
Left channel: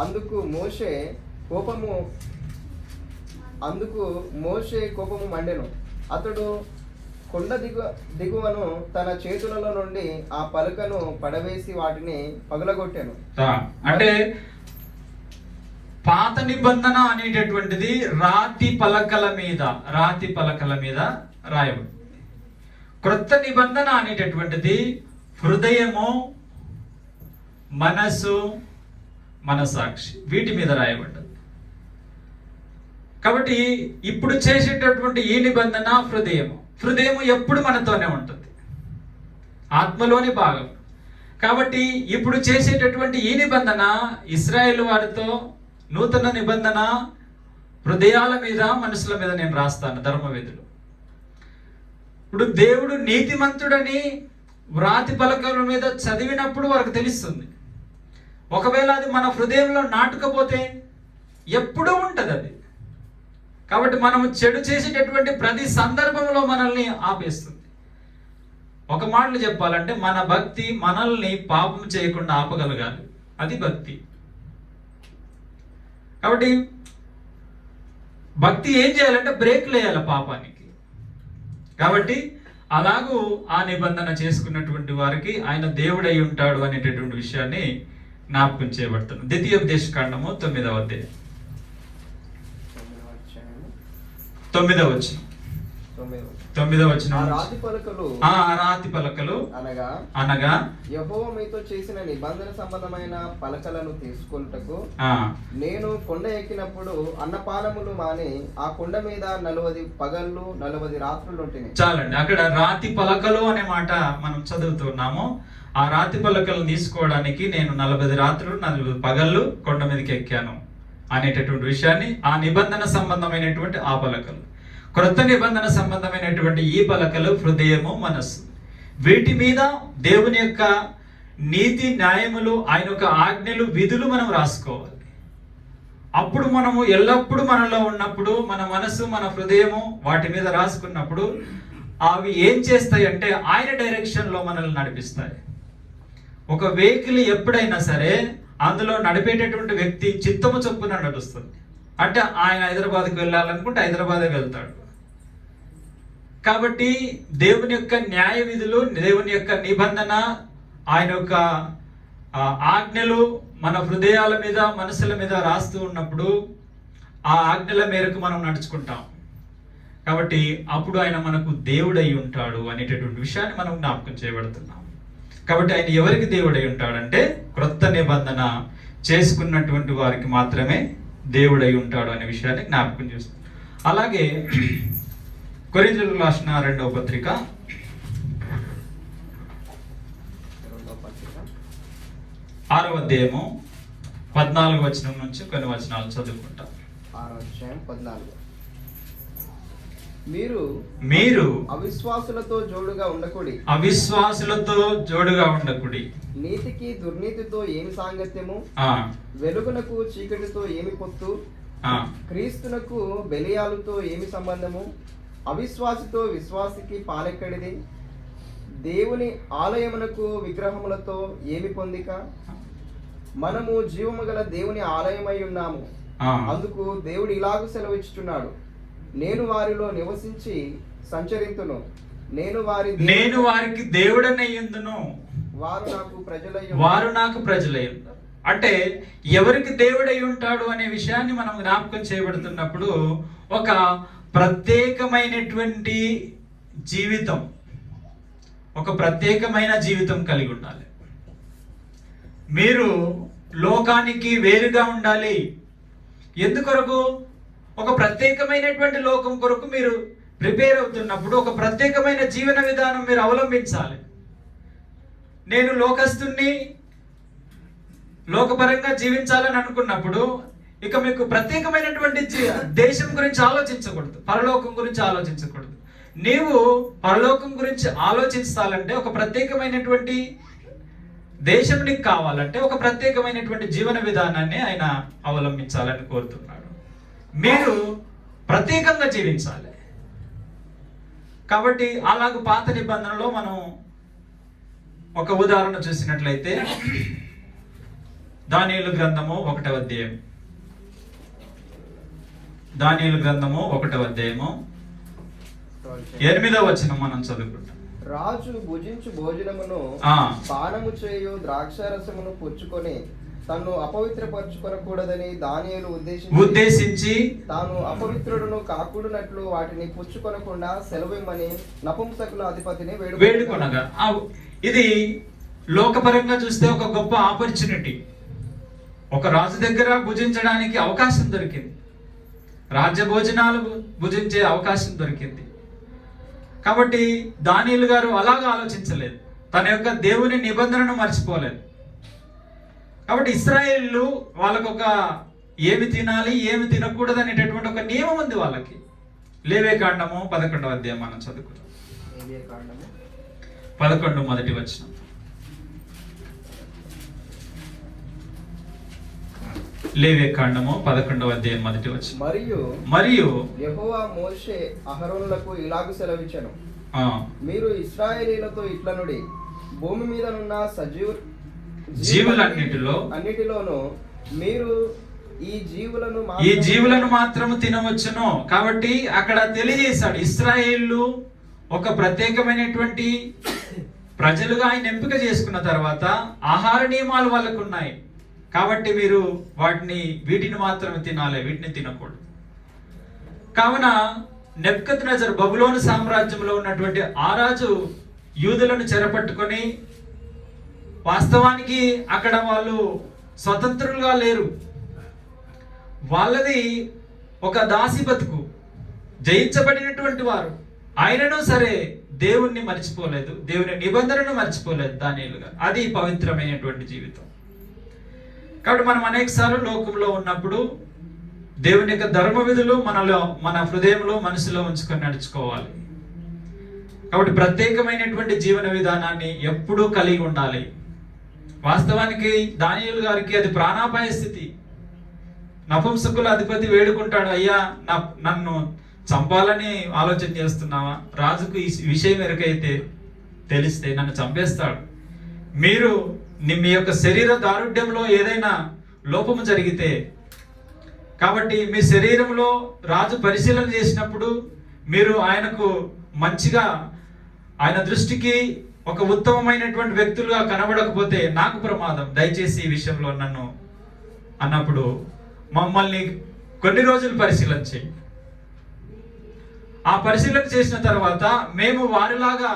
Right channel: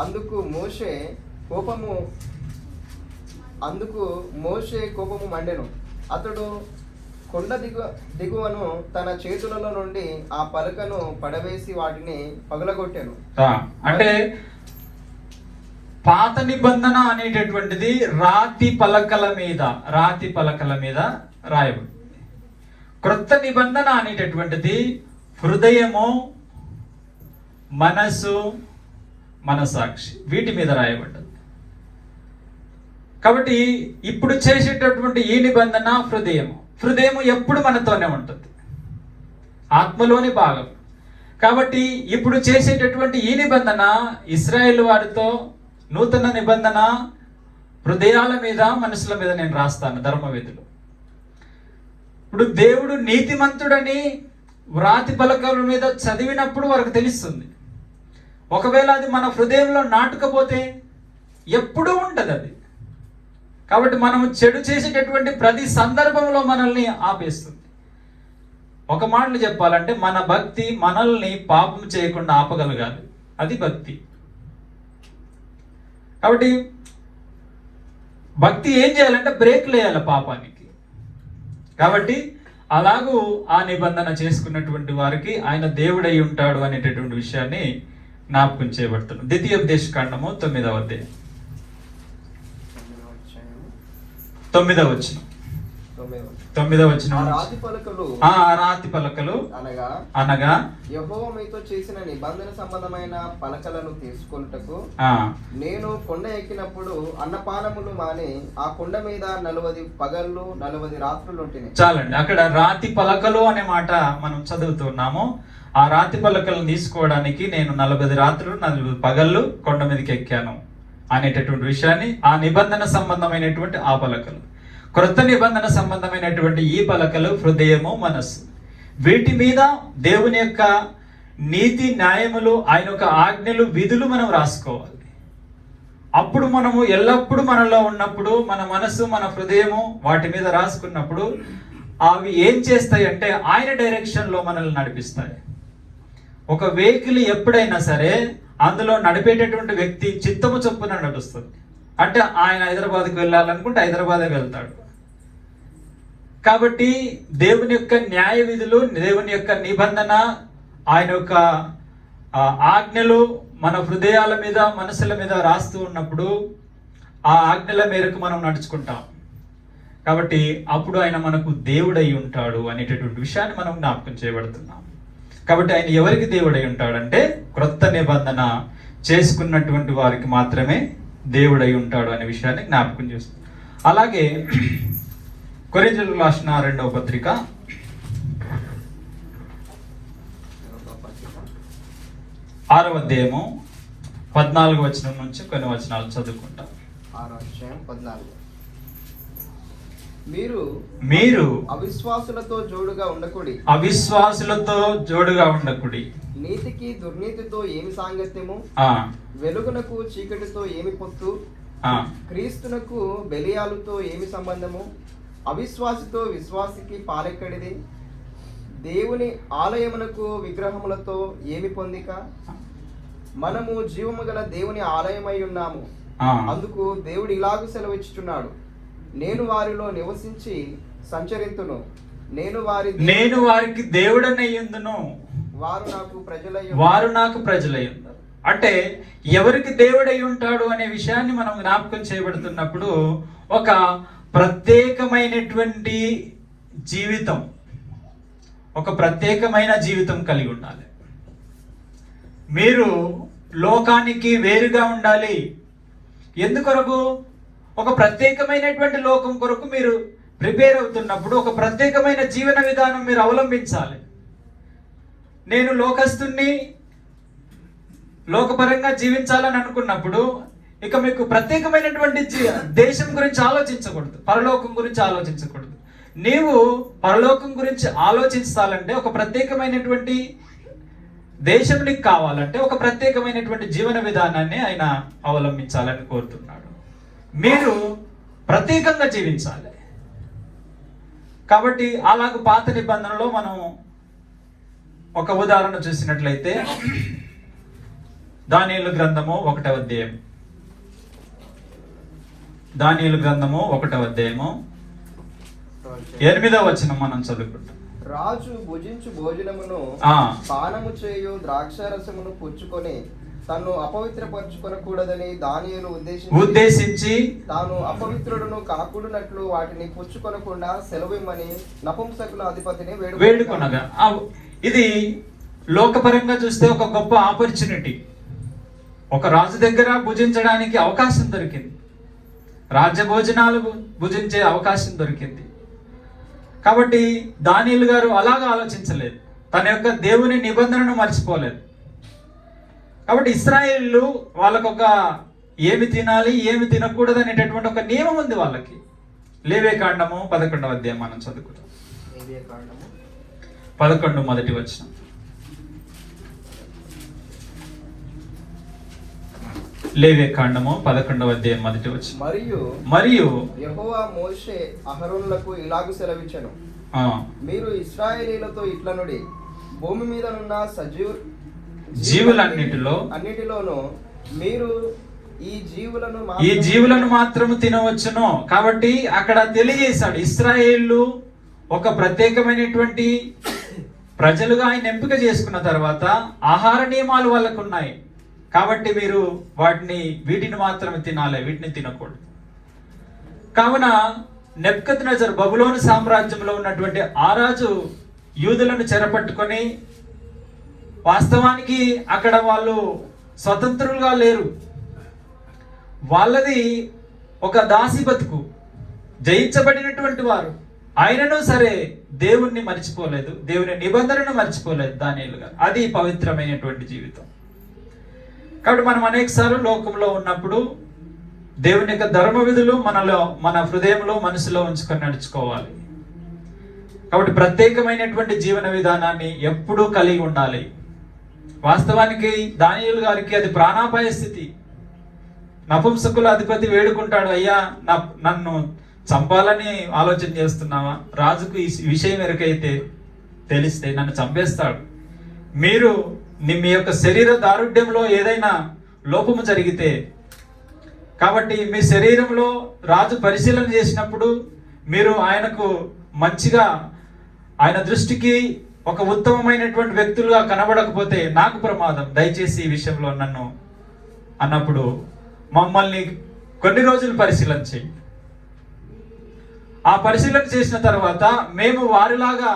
అందుకు మోషే కోపము మండెను. అతడు కొండ దిగువను తన చేతులలో నుండి ఆ పలకను పడవేసి వాటిని పగలగొట్టాను. అంటే పాత నిబంధన అనేటటువంటిది రాతి పలకల మీద రాయబడి, క్రొత్త నిబంధన అనేటటువంటిది హృదయము, మనసు, మనసాక్షి వీటి మీద రాయబడ్డది. కాబట్టి ఇప్పుడు చేసేటటువంటి ఈ నిబంధన హృదయము ఎప్పుడు మనతోనే ఉంటుంది, ఆత్మలోని భాగం. కాబట్టి ఇప్పుడు చేసేటటువంటి ఈ నిబంధన ఇశ్రాయేలు వారితో నూతన నిబంధన హృదయాల మీద, మనసుల మీద నేను రాస్తాను ధర్మవిధులు. ఇప్పుడు దేవుడు నీతిమంతుడని వ్రాతి పలకల మీద చదివినప్పుడు వారికి తెలుస్తుంది. ఒకవేళ అది మన హృదయంలో నాటుకపోతే ఎప్పుడూ ఉంటుంది అది. కాబట్టి మనం చెడు చేసేటటువంటి ప్రతి సందర్భంలో మనల్ని ఆపేస్తుంది. ఒక మాటలు చెప్పాలంటే మన భక్తి మనల్ని పాపం చేయకుండా ఆపగలగాలి, అది భక్తి. కాబట్టి భక్తి ఏం చేయాలంటే బ్రేక్ వేయాలి పాపానికి. కాబట్టి అలాగూ ఆ నిబంధన చేసుకున్నటువంటి వారికి ఆయన దేవుడై ఉంటాడు అనేటటువంటి విషయాన్ని జ్ఞాపకం చేయబడుతుంది. ద్వితీయోపదేశకాండము 9వ అధ్యాయం 9వ వచనం. ఆ రాతి పలకలు అనగా యెహోవా మీతో చేసిన నిబంధన సంబంధమైన పలకలను తీసుకొనుటకు నేను కొండ ఎక్కినప్పుడు అన్నపానములు మాని ఆ కొండ మీద 40 పగళ్ళు 40 రాత్రులు ఉంటుంది. చాలండి, అక్కడ రాతి పలకలు అనే మాట మనం చదువుతున్నాము. ఆ రాతి పలకలను తీసుకోవడానికి నేను 40 రాత్రులు 40 పగళ్ళు కొండ మీదకి ఎక్కాను అనేటటువంటి విషయాన్ని, ఆ నిబంధన సంబంధమైనటువంటి ఆ పలకలు, క్రొత్త నిబంధన సంబంధమైనటువంటి ఈ పలకలు హృదయము, మనస్సు, వీటి మీద దేవుని యొక్క నీతి న్యాయములు, ఆయన యొక్క ఆజ్ఞలు, విధులు మనం రాసుకోవాలి. అప్పుడు మనము ఎల్లప్పుడూ మనలో ఉన్నప్పుడు మన మనస్సు, మన హృదయము వాటి మీద రాసుకున్నప్పుడు అవి ఏం చేస్తాయంటే ఆయన డైరెక్షన్లో మనల్ని నడిపిస్తాయి. ఒక వెహికల్ ఎప్పుడైనా సరే అందులో నడిపేటటువంటి వ్యక్తి చిత్తము చొప్పున నడుస్తుంది. అంటే ఆయన హైదరాబాద్కి వెళ్ళాలనుకుంటే హైదరాబాదే వెళ్తాడు. కాబట్టి దేవుని యొక్క న్యాయ విధులు, దేవుని యొక్క నిబంధన, ఆయన యొక్క ఆజ్ఞలు మన హృదయాల మీద, మనసుల మీద రాస్తూ ఉన్నప్పుడు ఆ ఆజ్ఞల మేరకు మనం నడుచుకుంటాం. కాబట్టి అప్పుడు ఆయన మనకు దేవుడై ఉంటాడు అనేటటువంటి విషయాన్ని మనం జ్ఞాపకం చేయబడుతున్నాం. కాబట్టి ఆయన ఎవరికి దేవుడై ఉంటాడంటే క్రొత్త నిబంధన చేసుకున్నటువంటి వారికి మాత్రమే దేవుడై ఉంటాడు అనే విషయాన్ని జ్ఞాపకం చేస్తుంది. అలాగే కొరింథీయులకు రాసిన 2వ పత్రిక 6వ అధ్యాయము 14వ వచనం నుంచి కొన్ని వచనాలు చదువుకుంటాం. 6వ అధ్యాయం 14. మీరు అవిశ్వాసులతో జోడుగా ఉండకుడి. నీతికి దుర్నీతితో ఏమి సాంగత్యము, వెలుగునకు చీకటితో ఏమి పొత్తు, క్రీస్తునకు బెలియాలుతో ఏమి సంబంధము, అవిశ్వాసితో విశ్వాసికి పాలెక్కడిది, దేవుని ఆలయమునకు విగ్రహములతో ఏమి పొందిక, మనము జీవము గల దేవుని ఆలయమై ఉన్నాము. అందుకు దేవుడు ఇలాగ సెలవిచ్చుచున్నాడు, నేను వారిలో నివసించి సంచరింతును, నేను వారికి దేవుడనయ్యుందును, వారు నాకు ప్రజలయ్యుందురు. అంటే ఎవరికి దేవుడై ఉంటాడు అనే విషయాన్ని మనం జ్ఞాపకం చేయబడుతున్నప్పుడు ఒక ప్రత్యేకమైనటువంటి జీవితం, ఒక ప్రత్యేకమైన జీవితం కలిగి ఉండాలి. మీరు లోకానికి వేరుగా ఉండాలి. ఎందుకొరకు? ఒక ప్రత్యేకమైనటువంటి లోకం కొరకు మీరు ప్రిపేర్ అవుతున్నప్పుడు ఒక ప్రత్యేకమైన జీవన విధానం మీరు అవలంబించాలి. నేను లోకస్తుని, లోకపరంగా జీవించాలని అనుకున్నప్పుడు ఇక మీకు ప్రత్యేకమైనటువంటి దేశం గురించి ఆలోచించకూడదు, పరలోకం గురించి ఆలోచించకూడదు. నీవు పరలోకం గురించి ఆలోచించాలంటే ఒక ప్రత్యేకమైనటువంటి దేశం నీకు కావాలంటే ఒక ప్రత్యేకమైనటువంటి జీవన విధానాన్ని ఆయన అవలంబించాలని కోరుతున్నాడు. మీరు ప్రత్యేకంగా జీవించాలి. కాబట్టి అలాగ పాత నిబంధనలో మనం ఒక ఉదాహరణ చూసినట్లయితే దానియేలు గ్రంథము 1వ అధ్యాయం, దానియేలు గ్రంథము 1వ అధ్యాయము 8వ వచనం మనం చదువుకుంటాం. రాజు భుజించు భోజనమును పానము చేయు ద్రాక్షారసమును పుచ్చుకొని తాను అపవిత్రపరచుకొనకూడదని దానియేలు ఉద్దేశించి తాను అపవిత్రులను కాకూడనట్లు వాటిని పుచ్చుకొనకుండా సెలవిమ్మని నపుంసకుల అధిపతిని వేడుకొనగా. ఇది లోకపరంగా చూస్తే ఒక గొప్ప ఆపర్చునిటీ. ఒక రాజు దగ్గర భుజించడానికి అవకాశం దొరికింది, రాజ్య భోజనాలు భుజించే అవకాశం దొరికింది. కాబట్టి దానియేలు గారు అలాగా ఆలోచించలేదు, తన యొక్క దేవుని నిబంధనను మర్చిపోలేదు. కాబట్టి ఇశ్రాయేలు వాళ్ళకొక ఏమి తినాలి ఏమి తినకూడదు అనేటటువంటి ఒక నియమం ఉంది వాళ్ళకి. లేవియకాండము 11వ అధ్యాయం మనం చదువుకుంటాం. 11 మొదటి వచనం. లేవియకాండము 11వ అధ్యాయం మొదటి వచనం. మరియు యెహోవా మోషే అహరోనులకు ఇలాగ సెలవిచ్చెను, మీరు ఇశ్రాయేలీయులతో ఇట్లనుడి, భూమి మీదనున్న అన్నిటిలోనూ మీరు ఈ జీవులను మాత్రము తినవచ్చును. కాబట్టి అక్కడ తెలియజేశాడు, ఇశ్రాయేలు ఒక ప్రత్యేకమైనటువంటి ప్రజలుగా ఆయన ఎంపిక చేసుకున్న తర్వాత ఆహార నియమాలు వాళ్ళకు ఉన్నాయి. కాబట్టి మీరు వీటిని మాత్రమే తినాలి, వీటిని తినకూడదు. కావున నెబుకద్నెజరు బబులోను సామ్రాజ్యంలో ఉన్నటువంటి ఆ రాజు యూదులను చెరపట్టుకొని, వాస్తవానికి అక్కడ వాళ్ళు స్వతంత్రులుగా లేరు, వాళ్ళది ఒక దాసి బతుకు, జయించబడినటువంటి వారు. ఆయనను సరే దేవుణ్ణి మర్చిపోలేదు, దేవుని నిబంధనను మర్చిపోలేదు దానియేలు గారు. అది పవిత్రమైనటువంటి జీవితం. కాబట్టి మనం అనేకసార్లు లోకంలో ఉన్నప్పుడు దేవుని యొక్క ధర్మ విధులు మన హృదయంలో మనసులో ఉంచుకొని నడుచుకోవాలి. కాబట్టి ప్రత్యేకమైనటువంటి జీవన విధానాన్ని ఎప్పుడూ కలిగి ఉండాలి. వాస్తవానికి దానియేలు గారికి అది ప్రాణాపాయ స్థితి. నపుంసకుల అధిపతి వేడుకుంటాడు, అయ్యా నన్ను చంపాలని ఆలోచన చేస్తున్నావా? రాజుకు ఈ విషయం ఎరుకైతే తెలిస్తే నన్ను చంపేస్తాడు. మీరు మీ యొక్క శరీర దారుఢ్యంలో ఏదైనా లోపము జరిగితే, కాబట్టి మీ శరీరంలో రాజు పరిశీలన చేసినప్పుడు మీరు ఆయనకు మంచిగా, ఆయన దృష్టికి ఒక ఉత్తమమైనటువంటి వ్యక్తులుగా కనబడకపోతే నాకు ప్రమాదం, దయచేసి ఈ విషయంలో నన్ను అన్నప్పుడు మమ్మల్ని కొన్ని రోజులు పరిశీలన చేయి. ఆ పరిశీలన చేసిన తర్వాత మేము వారిలాగా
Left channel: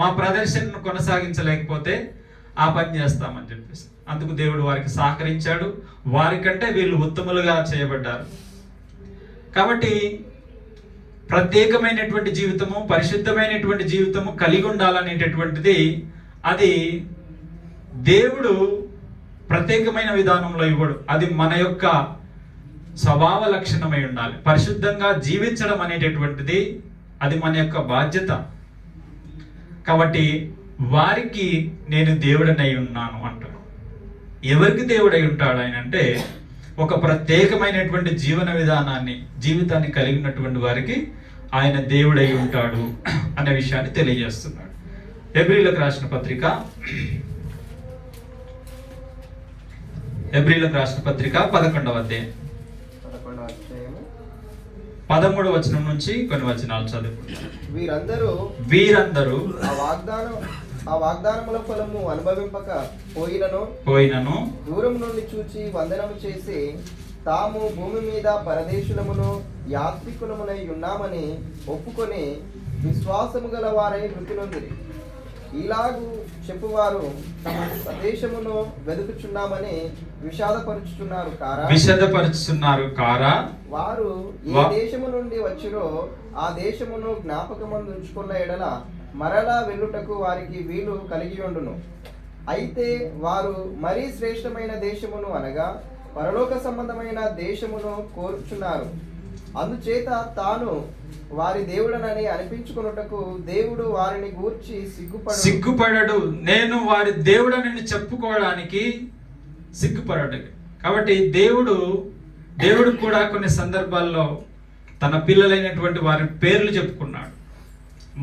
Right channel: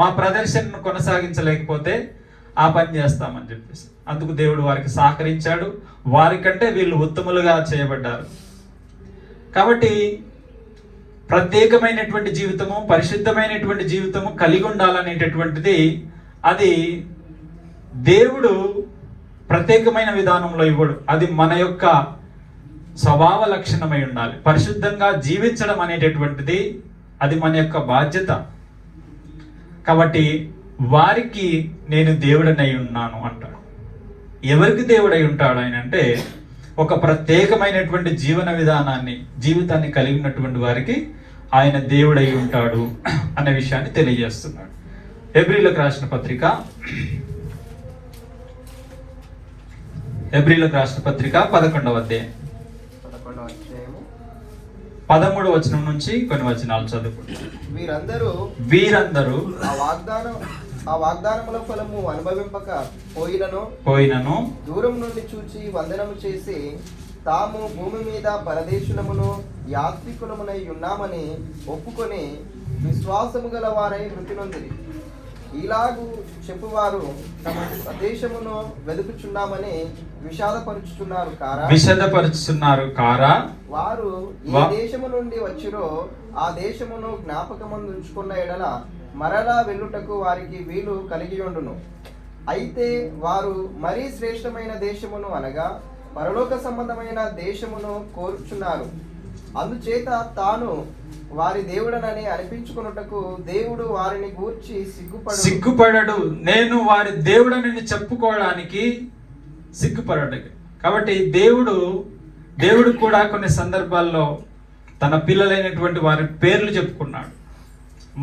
మా ప్రదర్శనను కొనసాగించలేకపోతే ఆ పని చేస్తామని చెప్పేసి. అందుకు దేవుడు వారికి సహకరించాడు. వారికంటే వీళ్ళు ఉత్తములుగా చేయబడ్డారు. కాబట్టి ప్రత్యేకమైనటువంటి జీవితము, పరిశుద్ధమైనటువంటి జీవితము కలిగి ఉండాలనేటటువంటిది అది దేవుడు ప్రత్యేకమైన విధానంలో ఇవ్వడు. అది మన యొక్క స్వభావ లక్షణమై ఉండాలి. పరిశుద్ధంగా జీవించడం అనేటటువంటిది అది మన యొక్క బాధ్యత. కాబట్టి వారికి నేను దేవుడనై ఉన్నాను అంటాడు. ఎవరికి దేవుడై ఉంటాడు ఆయన అంటే, ఒక ప్రత్యేకమైనటువంటి జీవితాన్ని కలిగినటువంటి వారికి ఆయన దేవుడై ఉంటాడు అనే విషయాన్ని తెలియజేస్తున్నాడు. హెబ్రీలకు రాసిన పత్రిక 11వ అధ్యాయం 13వ వచనం నుంచి కొన్ని వచనాలు చదువుకుంటారు. వీరందరూ ఆ వాగ్దానముల ఫలము అనుభవింపక పోయినను దూరం నుండి చూచి వందనము చేసి తాము భూమి మీద పరదేశులమును యాత్రికులమునై ఉన్నామని ఒప్పుకొని విశ్వాసము గల వారై మృతి నొందిరి. ఇలాగు చెప్పువారు దేశమును వెతుకుచున్నామని విషదపరుచుతున్నారు కారా. వారు ఏ దేశము నుండి వచ్చిరో ఆ దేశమును జ్ఞాపకమందు ఉంచుకున్న ఎడల మరలా వెళ్ళుటకు వారికి వీలు కలిగి ఉండును. అయితే వారు మరీ శ్రేష్టమైన దేశమును అనగా పరలోక సంబంధమైన దేశమును కోరుచున్నారు. అందుచేత తాను వారి దేవుడనని అనిపించుకున్నటకు దేవుడు వారిని గూర్చి సిగ్గుపడడు. నేను వారి దేవుడనని చెప్పుకోవడానికి సిగ్గుపడడు. కాబట్టి దేవుడు కూడా కొన్ని సందర్భాల్లో తన పిల్లలైనటువంటి వారి పేర్లు చెప్పుకున్నాడు.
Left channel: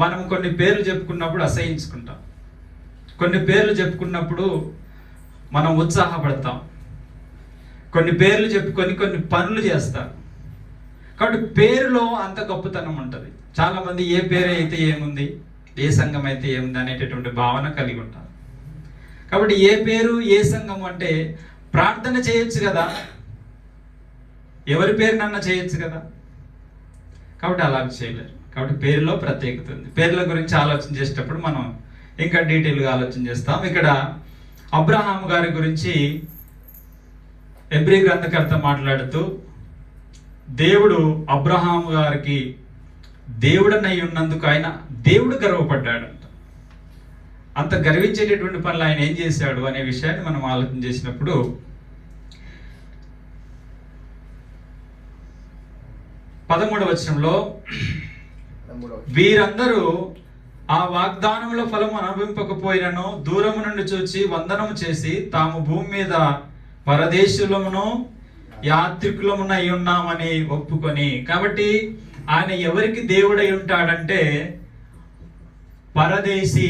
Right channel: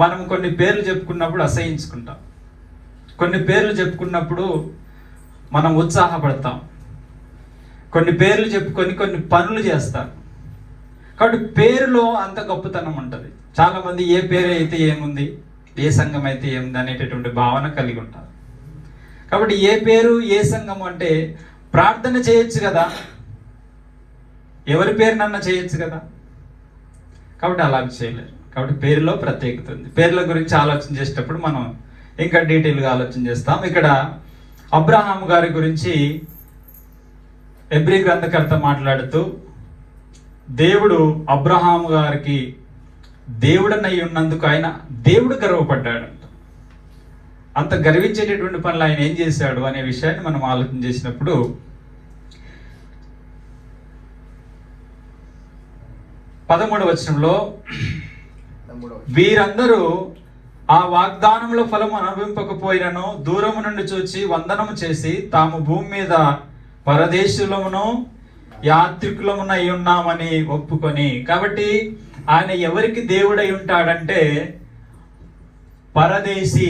మనం కొన్ని పేర్లు చెప్పుకున్నప్పుడు అసహించుకుంటాం. కొన్ని పేర్లు చెప్పుకున్నప్పుడు మనం ఉత్సాహపడతాం. కొన్ని పేర్లు చెప్పుకొని కొన్ని పనులు చేస్తాం. కాబట్టి పేరులో అంత గొప్పతనం ఉంటుంది. చాలా మంది ఏ పేరు అయితే ఏముంది, ఏ సంఘం అయితే ఏముంది అనేటటువంటి భావన కలిగి ఉంటారు. కాబట్టి ఏ పేరు ఏ సంఘం అంటే ప్రార్థన చేయొచ్చు కదా, ఎవరి పేరునన్నా చేయొచ్చు కదా. కాబట్టి అలా చేయలేరు. కాబట్టి పేరులో ప్రత్యేకత ఉంది. పేర్ల గురించి ఆలోచన చేసేటప్పుడు మనం ఇంకా డీటెయిల్గా ఆలోచన చేస్తాం. ఇక్కడ అబ్రహాము గారి గురించి హెబ్రీ గ్రంథకర్త మాట్లాడుతూ, దేవుడు అబ్రహాము గారికి దేవుడనై ఉన్నందుకు ఆయన దేవుడు గర్వపడ్డాడంట. అంత గర్వించేటటువంటి పనులు ఆయన ఏం చేశాడు అనే విషయాన్ని మనం ఆలోచన చేసినప్పుడు, 13వ వచనంలో వీరందరూ ఆ వాగ్దానముల ఫలము అనుభవింపకపోయినను దూరము నుండి చూచి వందనము చేసి తాము భూమి మీద పరదేశులమును యాత్రికులమునై ఉన్నామని ఒప్పుకొని. కాబట్టి ఆయన ఎవరికి దేవుడై ఉంటాడంటే పరదేశీ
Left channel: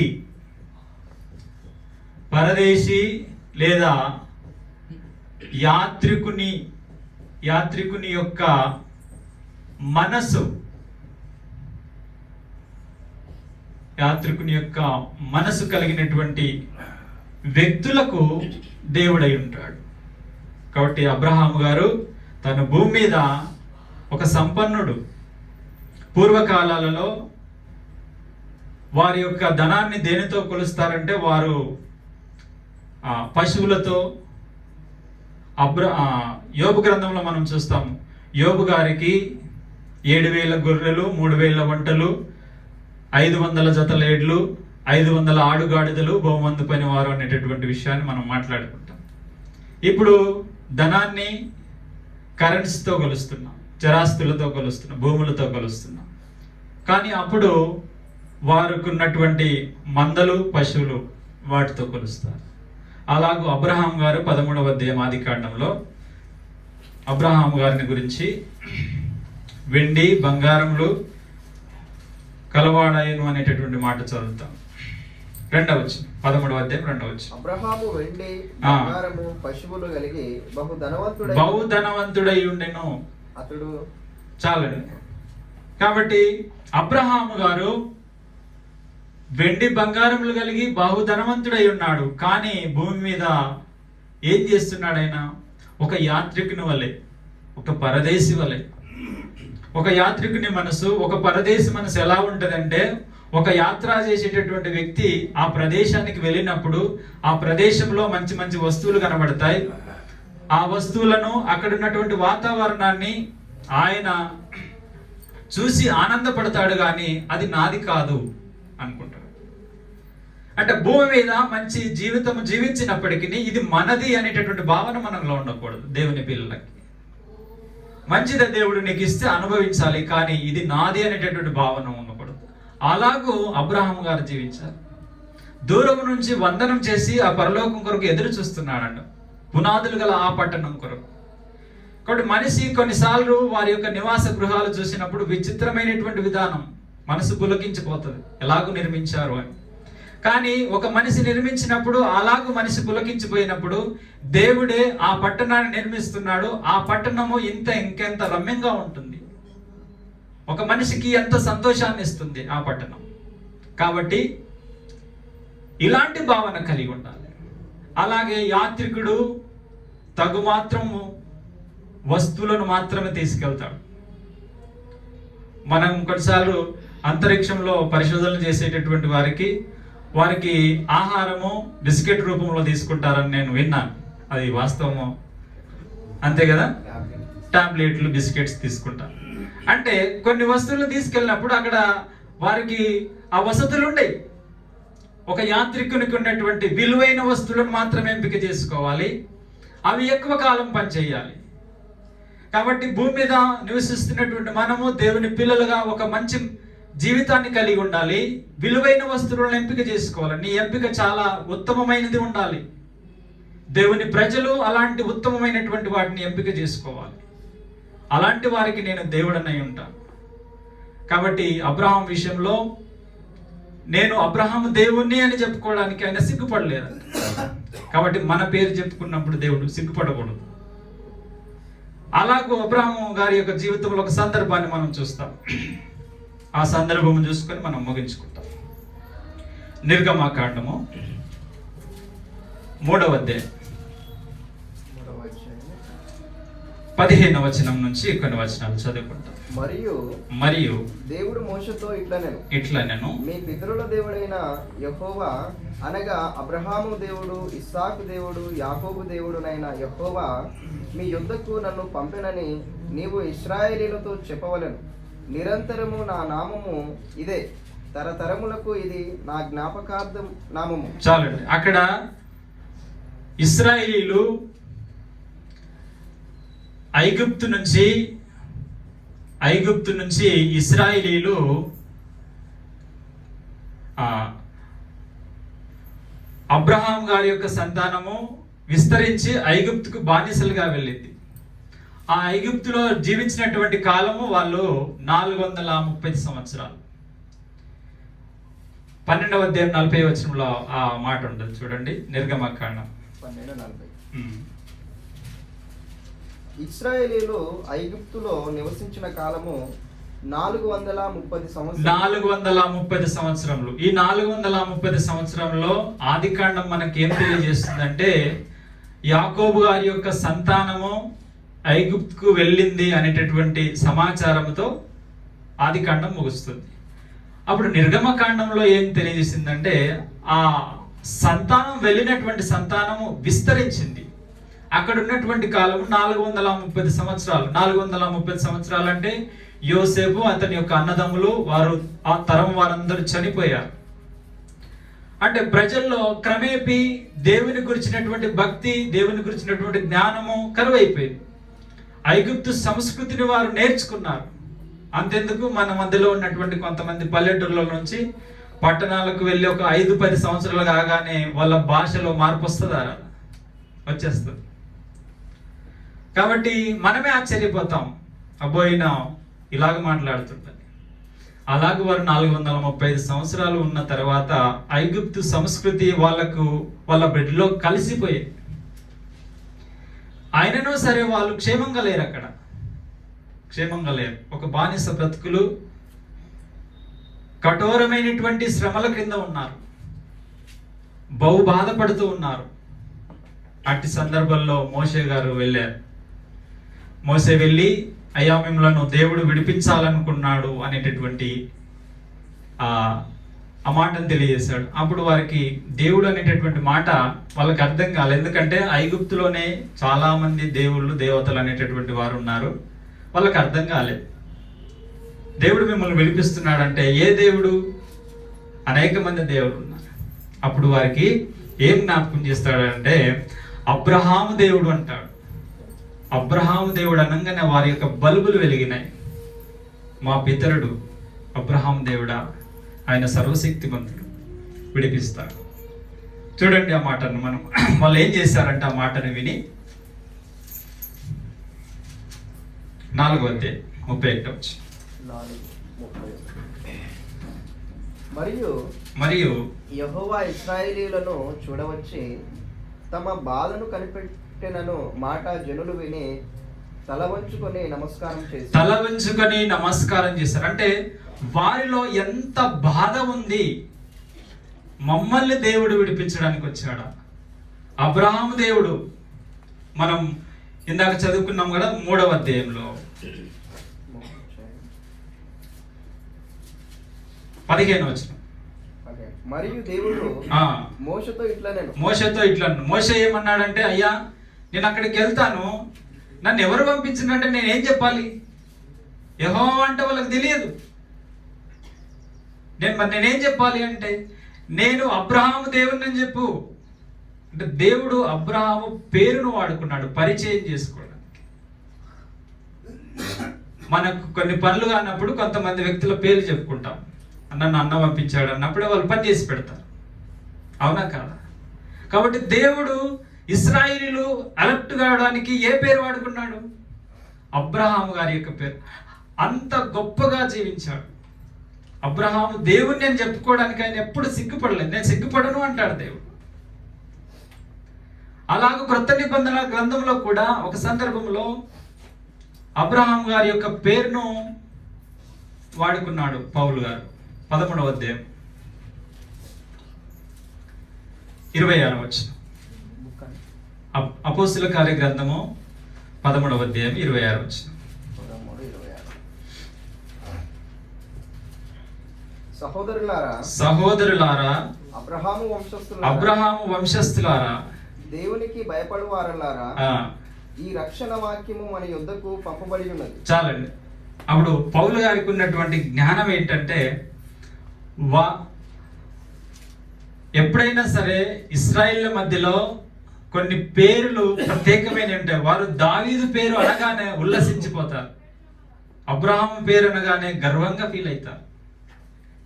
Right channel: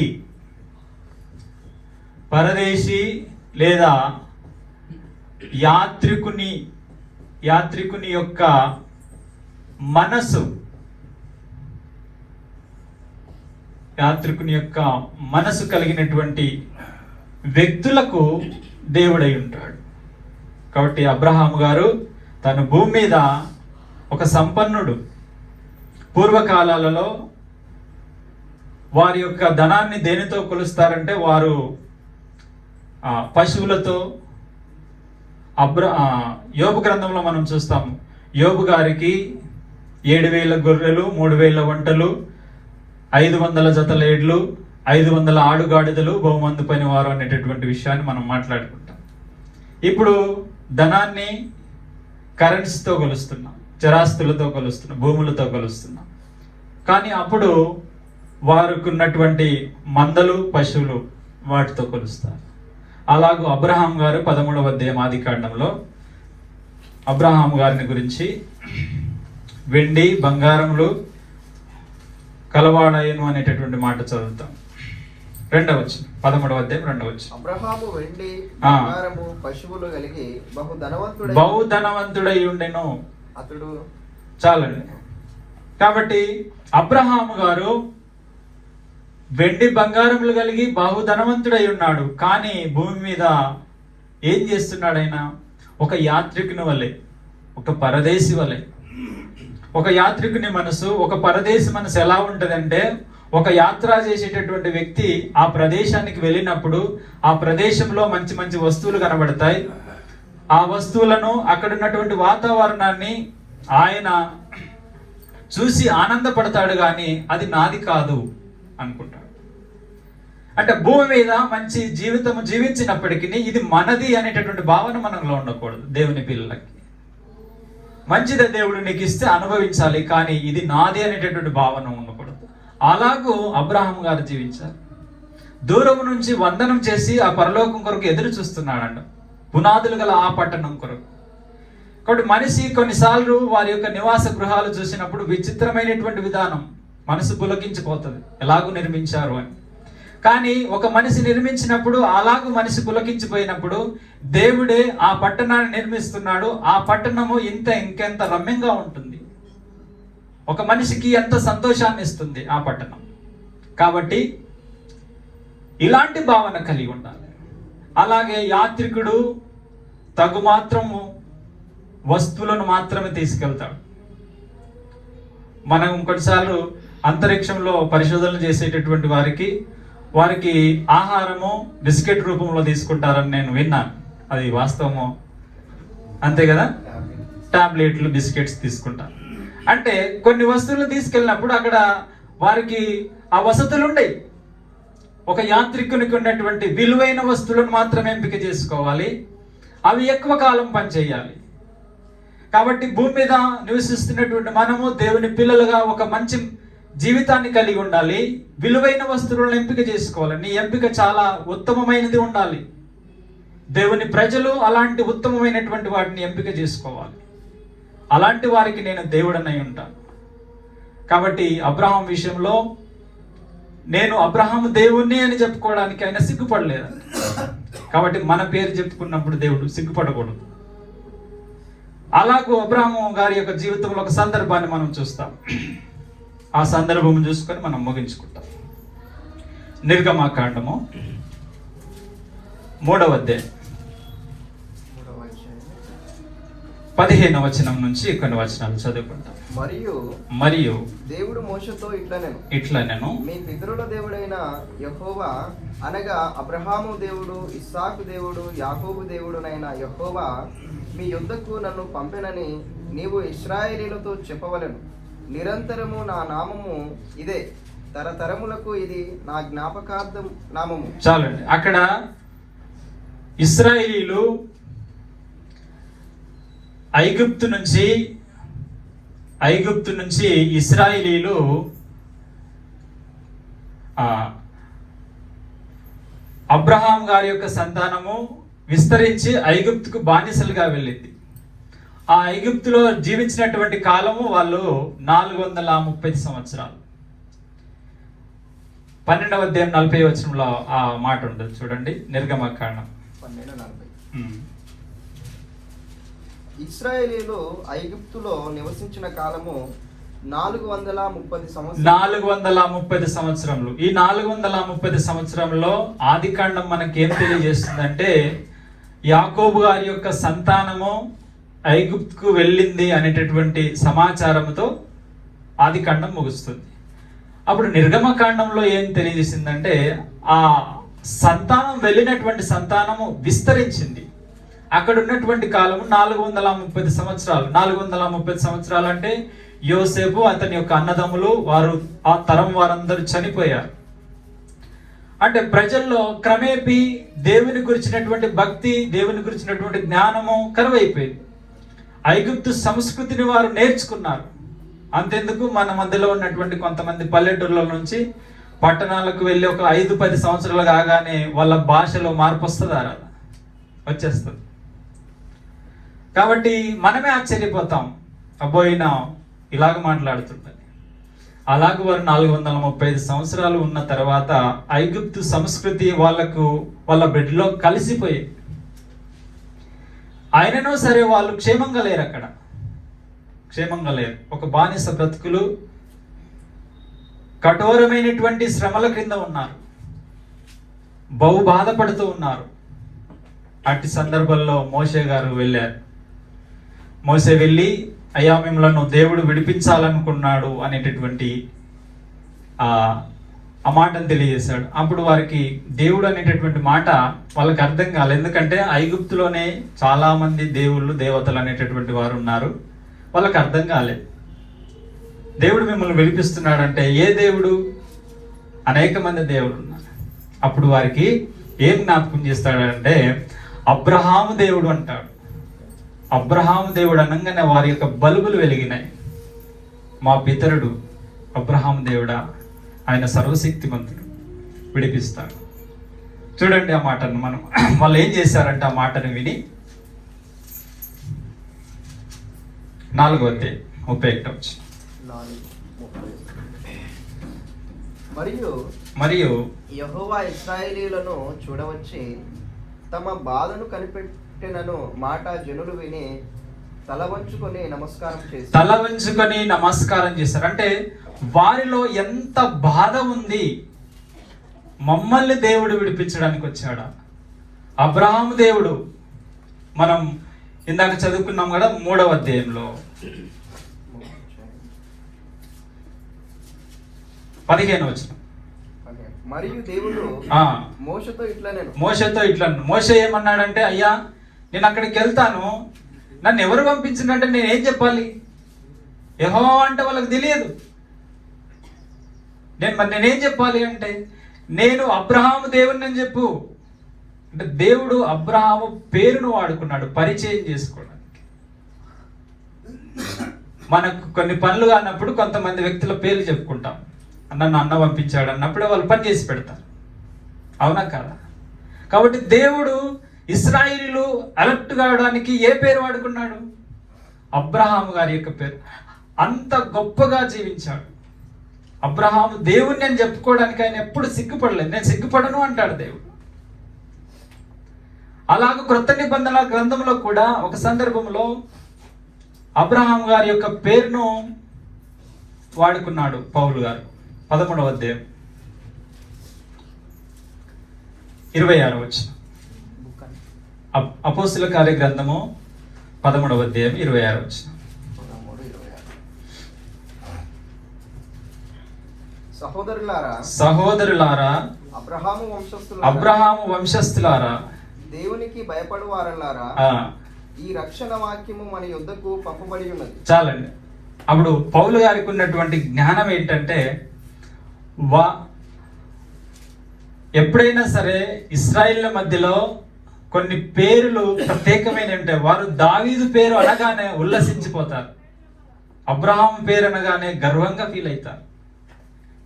లేదా యాత్రికుని యొక్క మనసు కలిగినటువంటి వ్యక్తులకు దేవుడై ఉంటాడు. కాబట్టి అబ్రహాము గారు తన భూమి మీద ఒక సంపన్నుడు. పూర్వకాలాలలో వారి యొక్క ధనాన్ని దేనితో కొలుస్తారంటే వారు పశువులతో. యోబు గ్రంథంలో మనం చూస్తాము, యోబు గారికి 7,000 గొర్రెలు, 3,000 ఒంటెలు, 500 జతల ఎడ్లు, 500 ఆడుగాడిదలు, బహుమందు పనివారు అనేటటువంటి విషయాన్ని మనం మాట్లాడుకుంటాం. ఇప్పుడు ధనాన్ని కరెన్సీతో కొలుస్తున్నాం, చరాస్తులతో కొలుస్తున్నాం, భూములతో కొలుస్తున్నాం. కానీ అప్పుడు వారికి ఉన్నటువంటి మందలు, పశువులు వాటితో కొలుస్తారు. అలాగూ అబ్రహాం గారు 13వ అధ్యాయం ఆదికాండంలో అబ్రహాము గారిని గురించి వెండి బంగారములు కలవాడాయను అనేటటువంటి మాట చదువుతాం. 2వ వచనం, 13వ అధ్యాయం 2వ వచనం. అబ్రహాము వెండి పశువులు కలిగి బహు ధనవంతుడై ఉండెను. అతడు చాలండి. కాబట్టి అబ్రహాము గారు వెండి బంగారములు కలిగి బహుధనవంతుడై ఉన్నాడు. కానీ భూమి మీద ఏం చేస్తున్నాడు ఆయన? ఒక యాత్రికుని వలె, ఒక పరదేశి వలె. ఒక యాత్రికుని మనసు, ఒక పరదేశి మనసు ఎలా ఉంటదంటే ఒక యాత్ర చేసేటటువంటి వ్యక్తి ఆ ప్రదేశానికి వెళ్ళినప్పుడు ఆ ప్రదేశంలో మంచి మంచి వస్తువులు కనబడతాయి. ఆ వస్తువులను, అక్కడ ఉన్నటువంటి వాతావరణాన్ని ఆయన చూసి ఆనందపడతాడు, కానీ అది నాది కాదు అనుకుంటాడు. అంటే భూమి మీద మంచి జీవితం జీవించినప్పటికీ ఇది మనది అనేటటువంటి భావన మనలో ఉండకూడదు. దేవుని పిల్లలకి మంచిదే, దేవుడు నీకు ఇస్తే అనుభవించాలి, కానీ ఇది నాది అనేటటువంటి భావన ఉండకూడదు. అలాగూ అబ్రహాం గారు జీవించారు. దూరం నుంచి వందనం చేసి ఆ పరలోకం కొరకు ఎదురు చూస్తున్నాడంట, పునాదులు గల ఆ పట్టణం కొరకు. కాబట్టి మనిషి కొన్నిసార్లు వారి యొక్క నివాస గృహాలు చూసినప్పుడు విచిత్రమైనటువంటి విధానం మనసు పులకించిపోతుంది, ఎలాగూ నిర్మించారు అని. కానీ ఒక మనిషి నిర్మించినప్పుడు, అలాగూ మనిషి పులకించిపోయినప్పుడు దేవుడే ఆ పట్టణాన్ని నిర్మిస్తున్నాడు. ఆ పట్టణము ఇంకెంత రమ్యంగా ఉంటుంది, ఒక మనిషికి ఎంత సంతోషాన్ని ఇస్తుంది ఆ పట్టణం. కాబట్టి ఇలాంటి భావన కలిగి ఉండాలి. అలాగే యాత్రికుడు తగు మాత్రము వస్తువులను మాత్రమే తీసుకెళ్తాడు. మనం కొన్నిసార్లు అంతరిక్షంలో పరిశోధనలు చేసేటటువంటి వారికి ఆహారము బిస్కెట్ రూపంలో తీసుకుంటారని నేను విన్నాను. అది వాస్తవము? అంతే కదా, టాబ్లెట్లు, బిస్కెట్స్ తీసుకుంటారు. అంటే కొన్ని వస్తువులు తీసుకెళ్ళినప్పుడు అక్కడ వారికి ఆ వసతులు ఉండయి. ఒక యాత్రికునికి ఉన్నటువంటి విలువైన వస్తువులను మాత్రమే ఎంపిక చేసుకోవాలి, అవి ఎక్కువ కాలం పనిచేయాలి. కాబట్టి భూమి మీద నివసిస్తున్నటువంటి మనము దేవుని పిల్లలుగా ఒక మంచి జీవితాన్ని కలిగి ఉండాలి. విలువైన వస్తువులను ఎంపిక చేసుకోవాలి. నీ ఎంపిక చాలా ఉత్తమమైనది ఉండాలి. దేవుని ప్రజలు అలాంటి ఉత్తమమైనటువంటి వాటిని ఎంపిక చేసుకోవాలి. అలాంటి వారికి నేను దేవుడనై ఉంటాను. కాబట్టి అబ్రహాం విషయంలో నేను అబ్రహాము దేవుణ్ణి అని చెప్పుకోవడానికి ఆయన సిగ్గుపడలేదు. కాబట్టి మన పేరు చెప్పుకున్నప్పుడు దేవుడు సిగ్గుపడకూడదు. అలాగూ అబ్రహాము గారి యొక్క జీవితంలో ఒక సందర్భాన్ని మనం చూస్తాం. ఆ సందర్భం చూసుకొని మనం ముగించుకుంటాం. నిర్గమాకాండము 3వ అధ్యాయం 15వ వచనం నుంచి కొన్ని వచనాలు చదువుకుంటాం. మరియు దేవుడు మోషేతో ఇట్లనెను, మీ పితరుల దేవుడైన యెహోవా అనగా అబ్రహాము దేవుడు, ఇస్సాకు దేవుడు, యాకోబు దేవుడునైన యెహోవా మీ యుద్ధకు నన్ను పంపెనని నీవు ఇశ్రాయేలీయులతో చెప్పవలెను. నిరంతరము నా నామము ఇదే, తరతరములకు ఇది నా జ్ఞాపకార్థం నామము. చాలండి. అక్కడ ఇశ్రాయేలీయులు ఐగుప్తు నుంచి ఇశ్రాయేలీయులు అబ్రహాం గారి యొక్క సంతానము విస్తరించి ఐగుప్తుకు బానిసలుగా వెళ్ళింది. ఆ ఐగుప్తులో జీవించినటువంటి కాలము వాళ్ళు 430 సంవత్సరాలు. 12వ అధ్యాయం 40వ వచనంలో ఆ మాట ఉండదు చూడండి. నిర్గమకాండం. ఇశ్రాయేలీయులు ఐగుప్తులో నివసించిన కాలము 430 సంవత్సరములు. ఈ 430 సంవత్సరంలో ఆదికాండం మనకి ఏం తెలియజేస్తుందంటే, యాకోబు గారి యొక్క సంతానము ఐగుప్తుకు వెళ్ళింది అనేటటువంటి సమాచారంతో ఆదికాండం ముగుస్తుంది. అప్పుడు నిర్గమకాండంలో ఏం తెలియజేసిందంటే, ఆ సంతానం వెళ్ళినటువంటి సంతానము విస్తరించింది. అక్కడ ఉన్నటువంటి కాలము 430 సంవత్సరాలు. 430 సంవత్సరాలు అంటే యోసేపు, అతని యొక్క అన్నదమ్ములు, వారు ఆ తరం వారందరూ చనిపోయారు. అంటే ప్రజల్లో క్రమేపీ దేవుని గురించినటువంటి భక్తి, దేవుని గురించినటువంటి జ్ఞానము కరువైపోయింది. ఐగుప్తు సంస్కృతిని వారు నేర్చుకున్నారు. అంతెందుకు, మన మధ్యలో ఉన్నటువంటి కొంతమంది పల్లెటూర్ల నుంచి పట్టణాలకు వెళ్ళి ఒక 5-10 సంవత్సరాలు కాగానే వాళ్ళ భాషలో మార్పు వస్తుందా? వచ్చేస్తుంది. కాబట్టి మనమే ఆశ్చర్యపోతాం, అబ్బోయిన ఇలాగ మాట్లాడుతుంటాయి. అలాగే వారు 435 సంవత్సరాలు ఉన్న తర్వాత ఐగుప్తు సంస్కృతి వాళ్ళ బిడ్డలో కలిసిపోయింది. అయినను సరే వాళ్ళు క్షేమంగా లేరు. అక్కడ క్షేమంగా లేరు. ఒక బానిస బ్రతుకులు, కఠోరమైనటువంటి శ్రమల క్రింద ఉన్నారు, బహు బాధపడుతూ ఉన్నారు. అట్టి సందర్భంలో మోషే గారు వెళ్ళారు. మోషే వెళ్ళి, అయ్యా మిమ్మలను దేవుడు విడిపించాలనుకున్నాడు అనేటటువంటి ఆ మాటను తెలియజేశాడు. అప్పుడు వారికి దేవుడు అనేటటువంటి మాట వాళ్ళకి అర్థం కాలేదు. ఎందుకంటే ఐగుప్తులోనే చాలా మంది దేవుళ్ళు దేవతలు అనేటటువంటి వారు ఉన్నారు. వాళ్ళకి అర్థం కాలేదు. దేవుడు మిమ్మల్ని విడిపిస్తున్నాడంటే ఏ దేవుడు? అనేక మంది దేవుడు ఉన్నారు. అప్పుడు వారికి ఏం జ్ఞాపకం చేస్తాడంటే అబ్రహాము దేవుడు అంటాడు. అబ్రహాము దేవుడు అనగానే వారి యొక్క బల్బులు వెలిగినాయి. మా పితరుడు అబ్రహాం దేవుడా, ఆయన సర్వశక్తిమంతుడు, విడిపిస్తాడు. చూడండి ఆ మాటను మనం వాళ్ళు ఏం చేశారంటే ఆ మాటను విని 4:31 మరియు యెహోవా ఇశ్రాయేలీయులను చూడవచ్చి తమ బాధను కనిపెట్టినను మాట జనులు విని తల వంచుకొని నమస్కారం చేశారు. అంటే వారిలో ఎంత బాధ ఉంది. మమ్మల్ని దేవుడు విడిపించడానికి వచ్చాడా? అబ్రహాము దేవుడు, మనం ఇందాక చదువుకున్నాం కదా 3వ అధ్యాయంలో 15వ వచనం. మరియు దేవుడు మోషేతో ఇట్లా మోషే ఏమన్నాడంటే, అయ్యా నేను అక్కడికి వెళ్తాను, నన్ను ఎవరు పంపించిందంటే నేనేం చెప్పాలి? యెహోవా అంటే వాళ్ళకి తెలియదు. నేనేం చెప్పాలి అంటే, నేను అబ్రహాము దేవుడిని అని చెప్పు అంటే, దేవుడు అబ్రహాము పేరును వాడుకున్నాడు పరిచయం చేసుకోవడానికి. మనకు కొన్ని పనులు కానప్పుడు కొంతమంది వ్యక్తుల పేర్లు చెప్పుకుంటాం. నన్ను అన్న పంపించాడు అన్నప్పుడు వాళ్ళు పని చేసి పెడతారు. అవునా కాదా? కాబట్టి దేవుడు ఇశ్రాయేలీయులు అలర్ట్ కావడానికి ఏ పేరు వాడుకున్నాడు? అబ్రహాము గారి యొక్క పేరు. అంత గొప్పగా జీవించాడు అబ్రహాము. దేవుడిని నేను చెప్పుకోవడానికి ఆయన ఎప్పుడు సిగ్గుపడలేదు. నేను సిగ్గుపడను అంటాడు దేవుడు. అలాగే క్రొత్త నిబంధన గ్రంథంలో కూడా ఒక సందర్భంలో అబ్రహాం గారి యొక్క పేరును వాడుకున్నాడు పౌలు గారు. 11వ అధ్యాయం 26వ వచనం. అపోస్తుల కార్య గ్రంథము 13వ అధ్యాయం 26వ వచనం. సహోదరులారా, అబ్రహాము వంశస్థులారా, దేవునికి భయపడువారలారా, ఈ రక్షణ వాక్యము మన యుద్ధకు పంపబడి ఉన్నది. చాలండి. అప్పుడు పౌలు గారికి ఉన్నటువంటి జ్ఞానం ఏంటంటే, ఎప్పుడైనా సరే ఇశ్రాయేళ్ల మధ్యలో కొన్ని పేర్లు ప్రత్యేకమైన ఉంటాయి. వారు దావీదు పేరు అనగానే ఉల్లసించిపోతారు. అబ్రహాం పేరు అనగానే గర్వంగా ఫీల్ అవుతారు.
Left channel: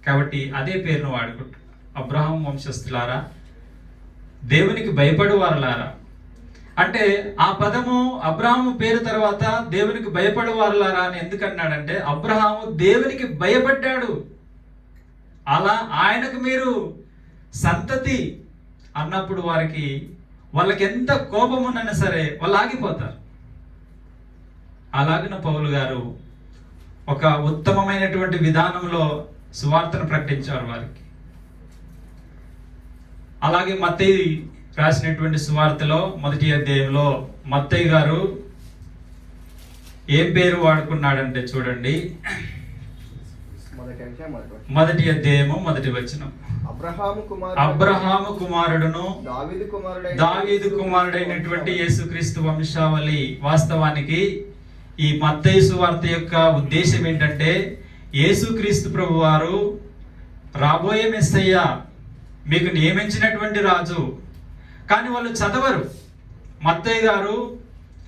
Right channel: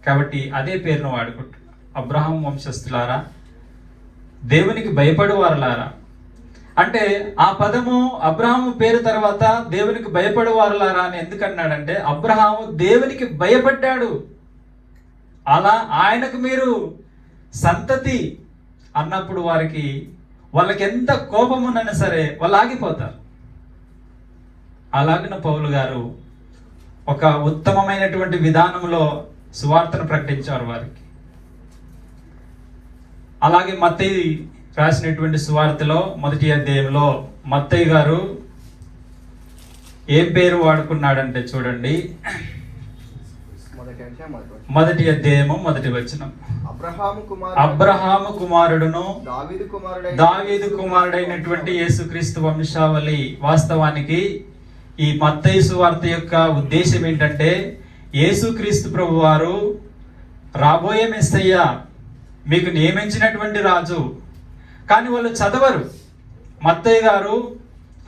కాబట్టి అదే పేరును వాడుకుంటారు. అబ్రహాం వంశస్థులారా, దేవునికి భయపడువారలారా. అంటే ఆ పదము అబ్రహాము పేరు తర్వాత దేవునికి భయపడువారలారా అని ఎందుకన్నాడంటే, అబ్రహాము దేవునికి భయపడ్డాడు. అలా ఆయనకు మీరు సంతతి అన్నప్పుడు వాళ్ళకి ఎంత కోపం ఉన్నా సరే వాళ్ళు ఆగిపోతారు. అలాగిన పౌలు గారు ఒక ఉత్తమమైనటువంటి విధానంలో సువార్తను ప్రకటించారు వారికి. అలాగే మత్తయి రాసినటువంటి సువార్తలో 1వ అధ్యాయంలో మత్తయి గారు ఏం పేరు వాడుకున్నాడంటే చూడండి, 1వ అధ్యాయము 1వ వచనం. అబ్రహాము కుమారుడును దావీదు కుమారుడైనటువంటి యేసుక్రీస్తు వంశావళి. వాస్తవానికి ఈ మత్తయి సువార్త యొక్క ఉద్దేశం ఏంటంటే, యేసుక్రీస్తు ప్రభు వారు రాబోయే మెస్సయ్య, మీకు నియమించినటువంటి రాజు. కానీ వాళ్ళు చదవరు. మత్తయి గారు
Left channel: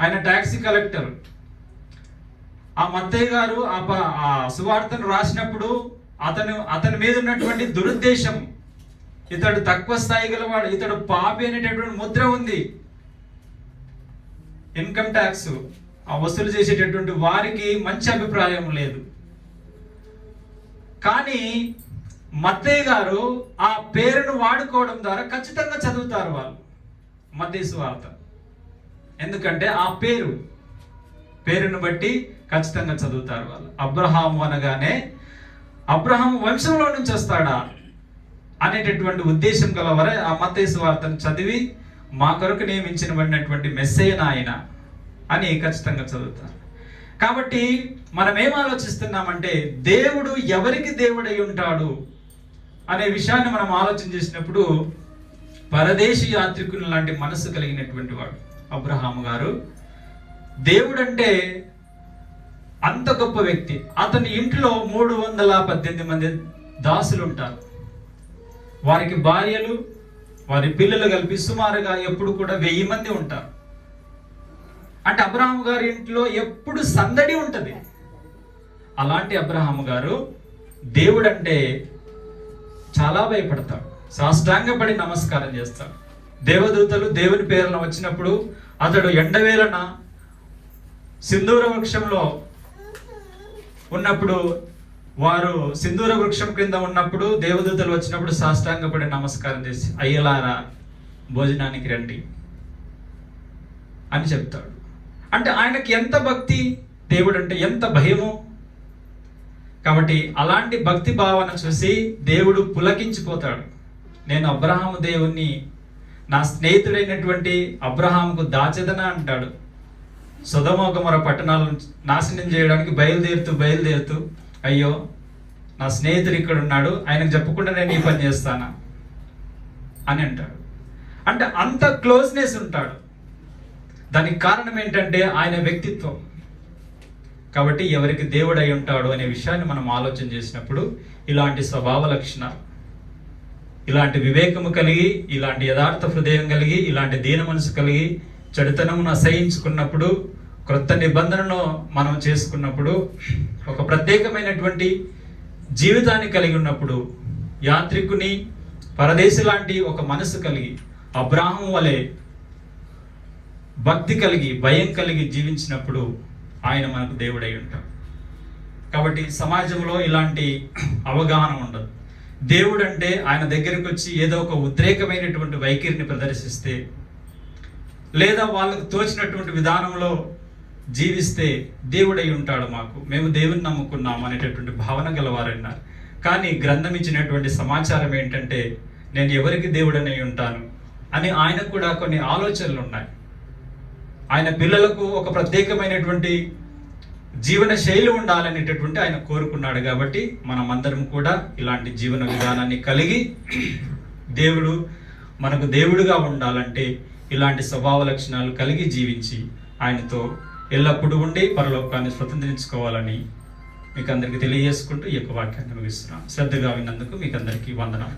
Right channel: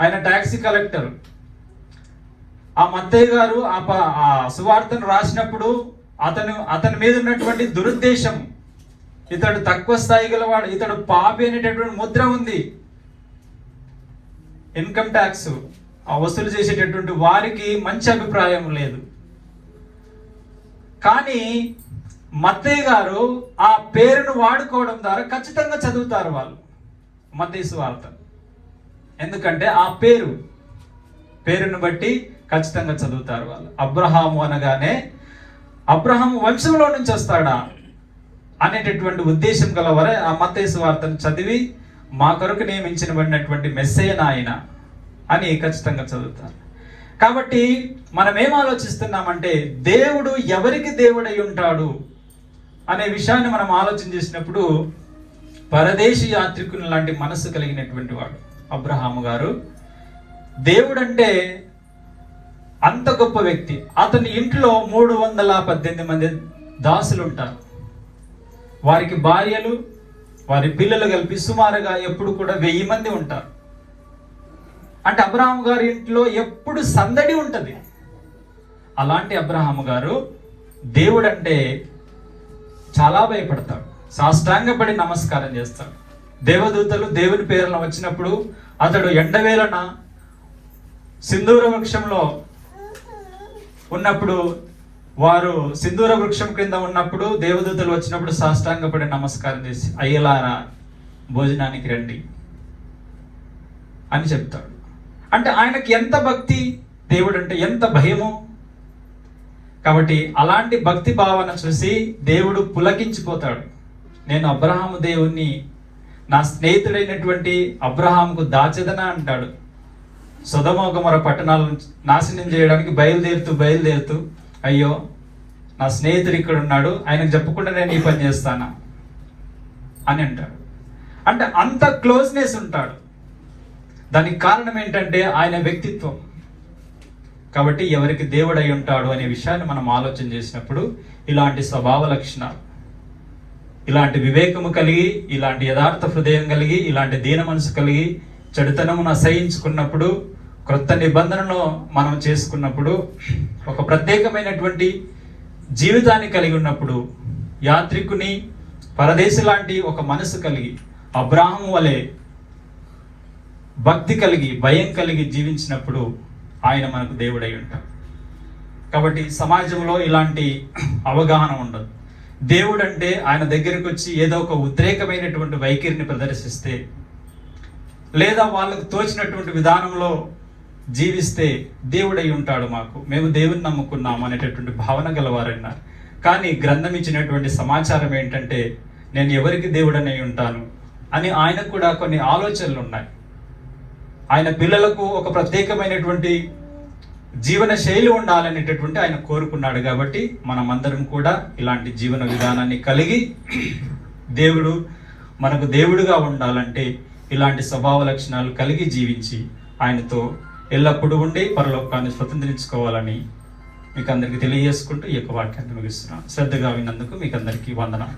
ఆయన టాక్సీ కలెక్టర్. ఆ మత్తయి గారు ఆ సువార్తను రాసినప్పుడు అతని మీద ఉన్నటువంటి దురుద్దేశం, ఇతడు తక్కువ స్థాయి గలవాడు, ఇతడు పాపి అనేటటువంటి ముద్ర ఉంది. ఇన్కమ్ ట్యాక్స్ వసూలు చేసేటటువంటి వారికి మంచి అభిప్రాయం లేదు. కానీ మత్తయి గారు ఆ పేరును వాడుకోవడం ద్వారా ఖచ్చితంగా చదువుతారు వాళ్ళు మత్తయి సువార్త. ఎందుకంటే ఆ పేరును బట్టి ఖచ్చితంగా చదువుతారు వాళ్ళు. అబ్రహాము అనగానే అబ్రహాము వంశంలో నుంచి వస్తాడా అనేటటువంటి ఉద్దేశం గలవారే ఆ మత్తయి సువార్తను చదివి మా కొరకు నియమించబడినటువంటి మెస్సయ్య నాయన అని ఖచ్చితంగా చదువుతారు. కాబట్టి మనం ఏం ఆలోచిస్తున్నామంటే, దేవుడు ఎవరికి దేవుడై ఉంటాడు? అనే విషయాన్ని మనం ఆలోచన చేసినప్పుడు పరదేశీ యాత్రికుని లాంటి మనస్సు కలిగినటువంటి వాడు అబ్రహాము గారు. దేవుడంటే అంత గొప్ప వ్యక్తి. అతని ఇంట్లో 318 మంది దాసులు ఉంటారు. వారికి భార్యలు, వారి పిల్లలు కలిపి సుమారుగా ఎప్పుడు కూడా 1000 మంది ఉంటారు. అంటే అబ్రహాము గారి ఇంట్లో ఎప్పుడు సందడి ఉంటుంది. అలాంటి అబ్రహాము గారు దేవుడంటే చాలా భయపడతాడు, సాష్టాంగపడి నమస్కారం చేస్తాడు. దేవదూతలు దేవుని పేరున వచ్చినప్పుడు అతడు ఎండవేళన సింధూర వృక్షంలో ఉన్నప్పుడు, వారు సింధూర వృక్షం కింద ఉన్నప్పుడు దేవదూతలు వచ్చినప్పుడు సాష్టాంగపడి నమస్కారం చేసి అయ్యలారా భోజనానికి రండి అని చెప్తాడు. అంటే ఆయనకి ఎంత భక్తి, దేవుడు అంటే ఎంత భయము. కాబట్టి అలాంటి భక్తి భావన చూసి దేవుడు పులకించిపోతాడు. నేను అబ్రహాము దేవుణ్ణి నా స్నేహితుడైనటువంటి అబ్రహాముకు దాచెదనా అంటాడు. సొదొమ గొమొర్రా పట్టణాలను నాశనం చేయడానికి బయలుదేరుతూ అయ్యో నా స్నేహితుడు ఇక్కడ ఉన్నాడు, ఆయనకు చెప్పకుండా నేను ఈ పని చేస్తానా అని అంటాడు. అంటే అంత క్లోజ్నెస్ ఉంటాడు. దానికి కారణం ఏంటంటే ఆయన వ్యక్తిత్వం. కాబట్టి ఎవరికి దేవుడై ఉంటాడు అనే విషయాన్ని మనం ఆలోచన చేసినప్పుడు ఇలాంటి స్వభావ లక్షణాలు, ఇలాంటి వివేకము కలిగి, ఇలాంటి యథార్థ హృదయం కలిగి, ఇలాంటి దీన మనసు కలిగి, చెడుతనమును అసహించుకున్నప్పుడు, క్రొత్త నిబంధనను మనం చేసుకున్నప్పుడు, ఒక ప్రత్యేకమైనటువంటి జీవితాన్ని కలిగి ఉన్నప్పుడు, యాత్రికుని పరదేశి లాంటి ఒక మనసు కలిగి అబ్రాహాము వలె భక్తి కలిగి భయం కలిగి జీవించినప్పుడు ఆయన మనకు దేవుడై ఉంటాడు. కాబట్టి సమాజంలో ఇలాంటి అవగాహన ఉండదు. దేవుడు అంటే ఆయన దగ్గరికి వచ్చి ఏదో ఒక ఉద్రేకమైనటువంటి వైఖరిని ప్రదర్శిస్తే, లేదా వాళ్ళకు తోచినటువంటి విధానంలో జీవిస్తే దేవుడై ఉంటాడు మాకు, మేము దేవుని నమ్ముకున్నాము అనేటటువంటి భావన గలవారన్నారు. కానీ గ్రంథం ఇచ్చినటువంటి సమాచారం ఏంటంటే నేను ఎవరికి దేవుడనై ఉంటాను అని ఆయనకు కూడా కొన్ని ఆలోచనలు ఉన్నాయి. ఆయన పిల్లలకు ఒక ప్రత్యేకమైనటువంటి జీవన శైలి ఉండాలనేటటువంటి ఆయన కోరుకున్నాడు. కాబట్టి మనమందరం కూడా ఇలాంటి జీవన విధానాన్ని కలిగి దేవుడు మనకు దేవుడుగా ఉండాలంటే ఇలాంటి స్వభావ లక్షణాలు కలిగి జీవించి ఆయనతో ఎల్లప్పుడూ ఉండి పరలోకాన్ని స్వతంత్రించుకోవాలని మీకు అందరికీ తెలియజేసుకుంటూ ఈ యొక్క వాక్యాన్ని ముగిస్తున్నాను. శ్రద్ధగా విన్నందుకు మీకు అందరికీ వందనాలు.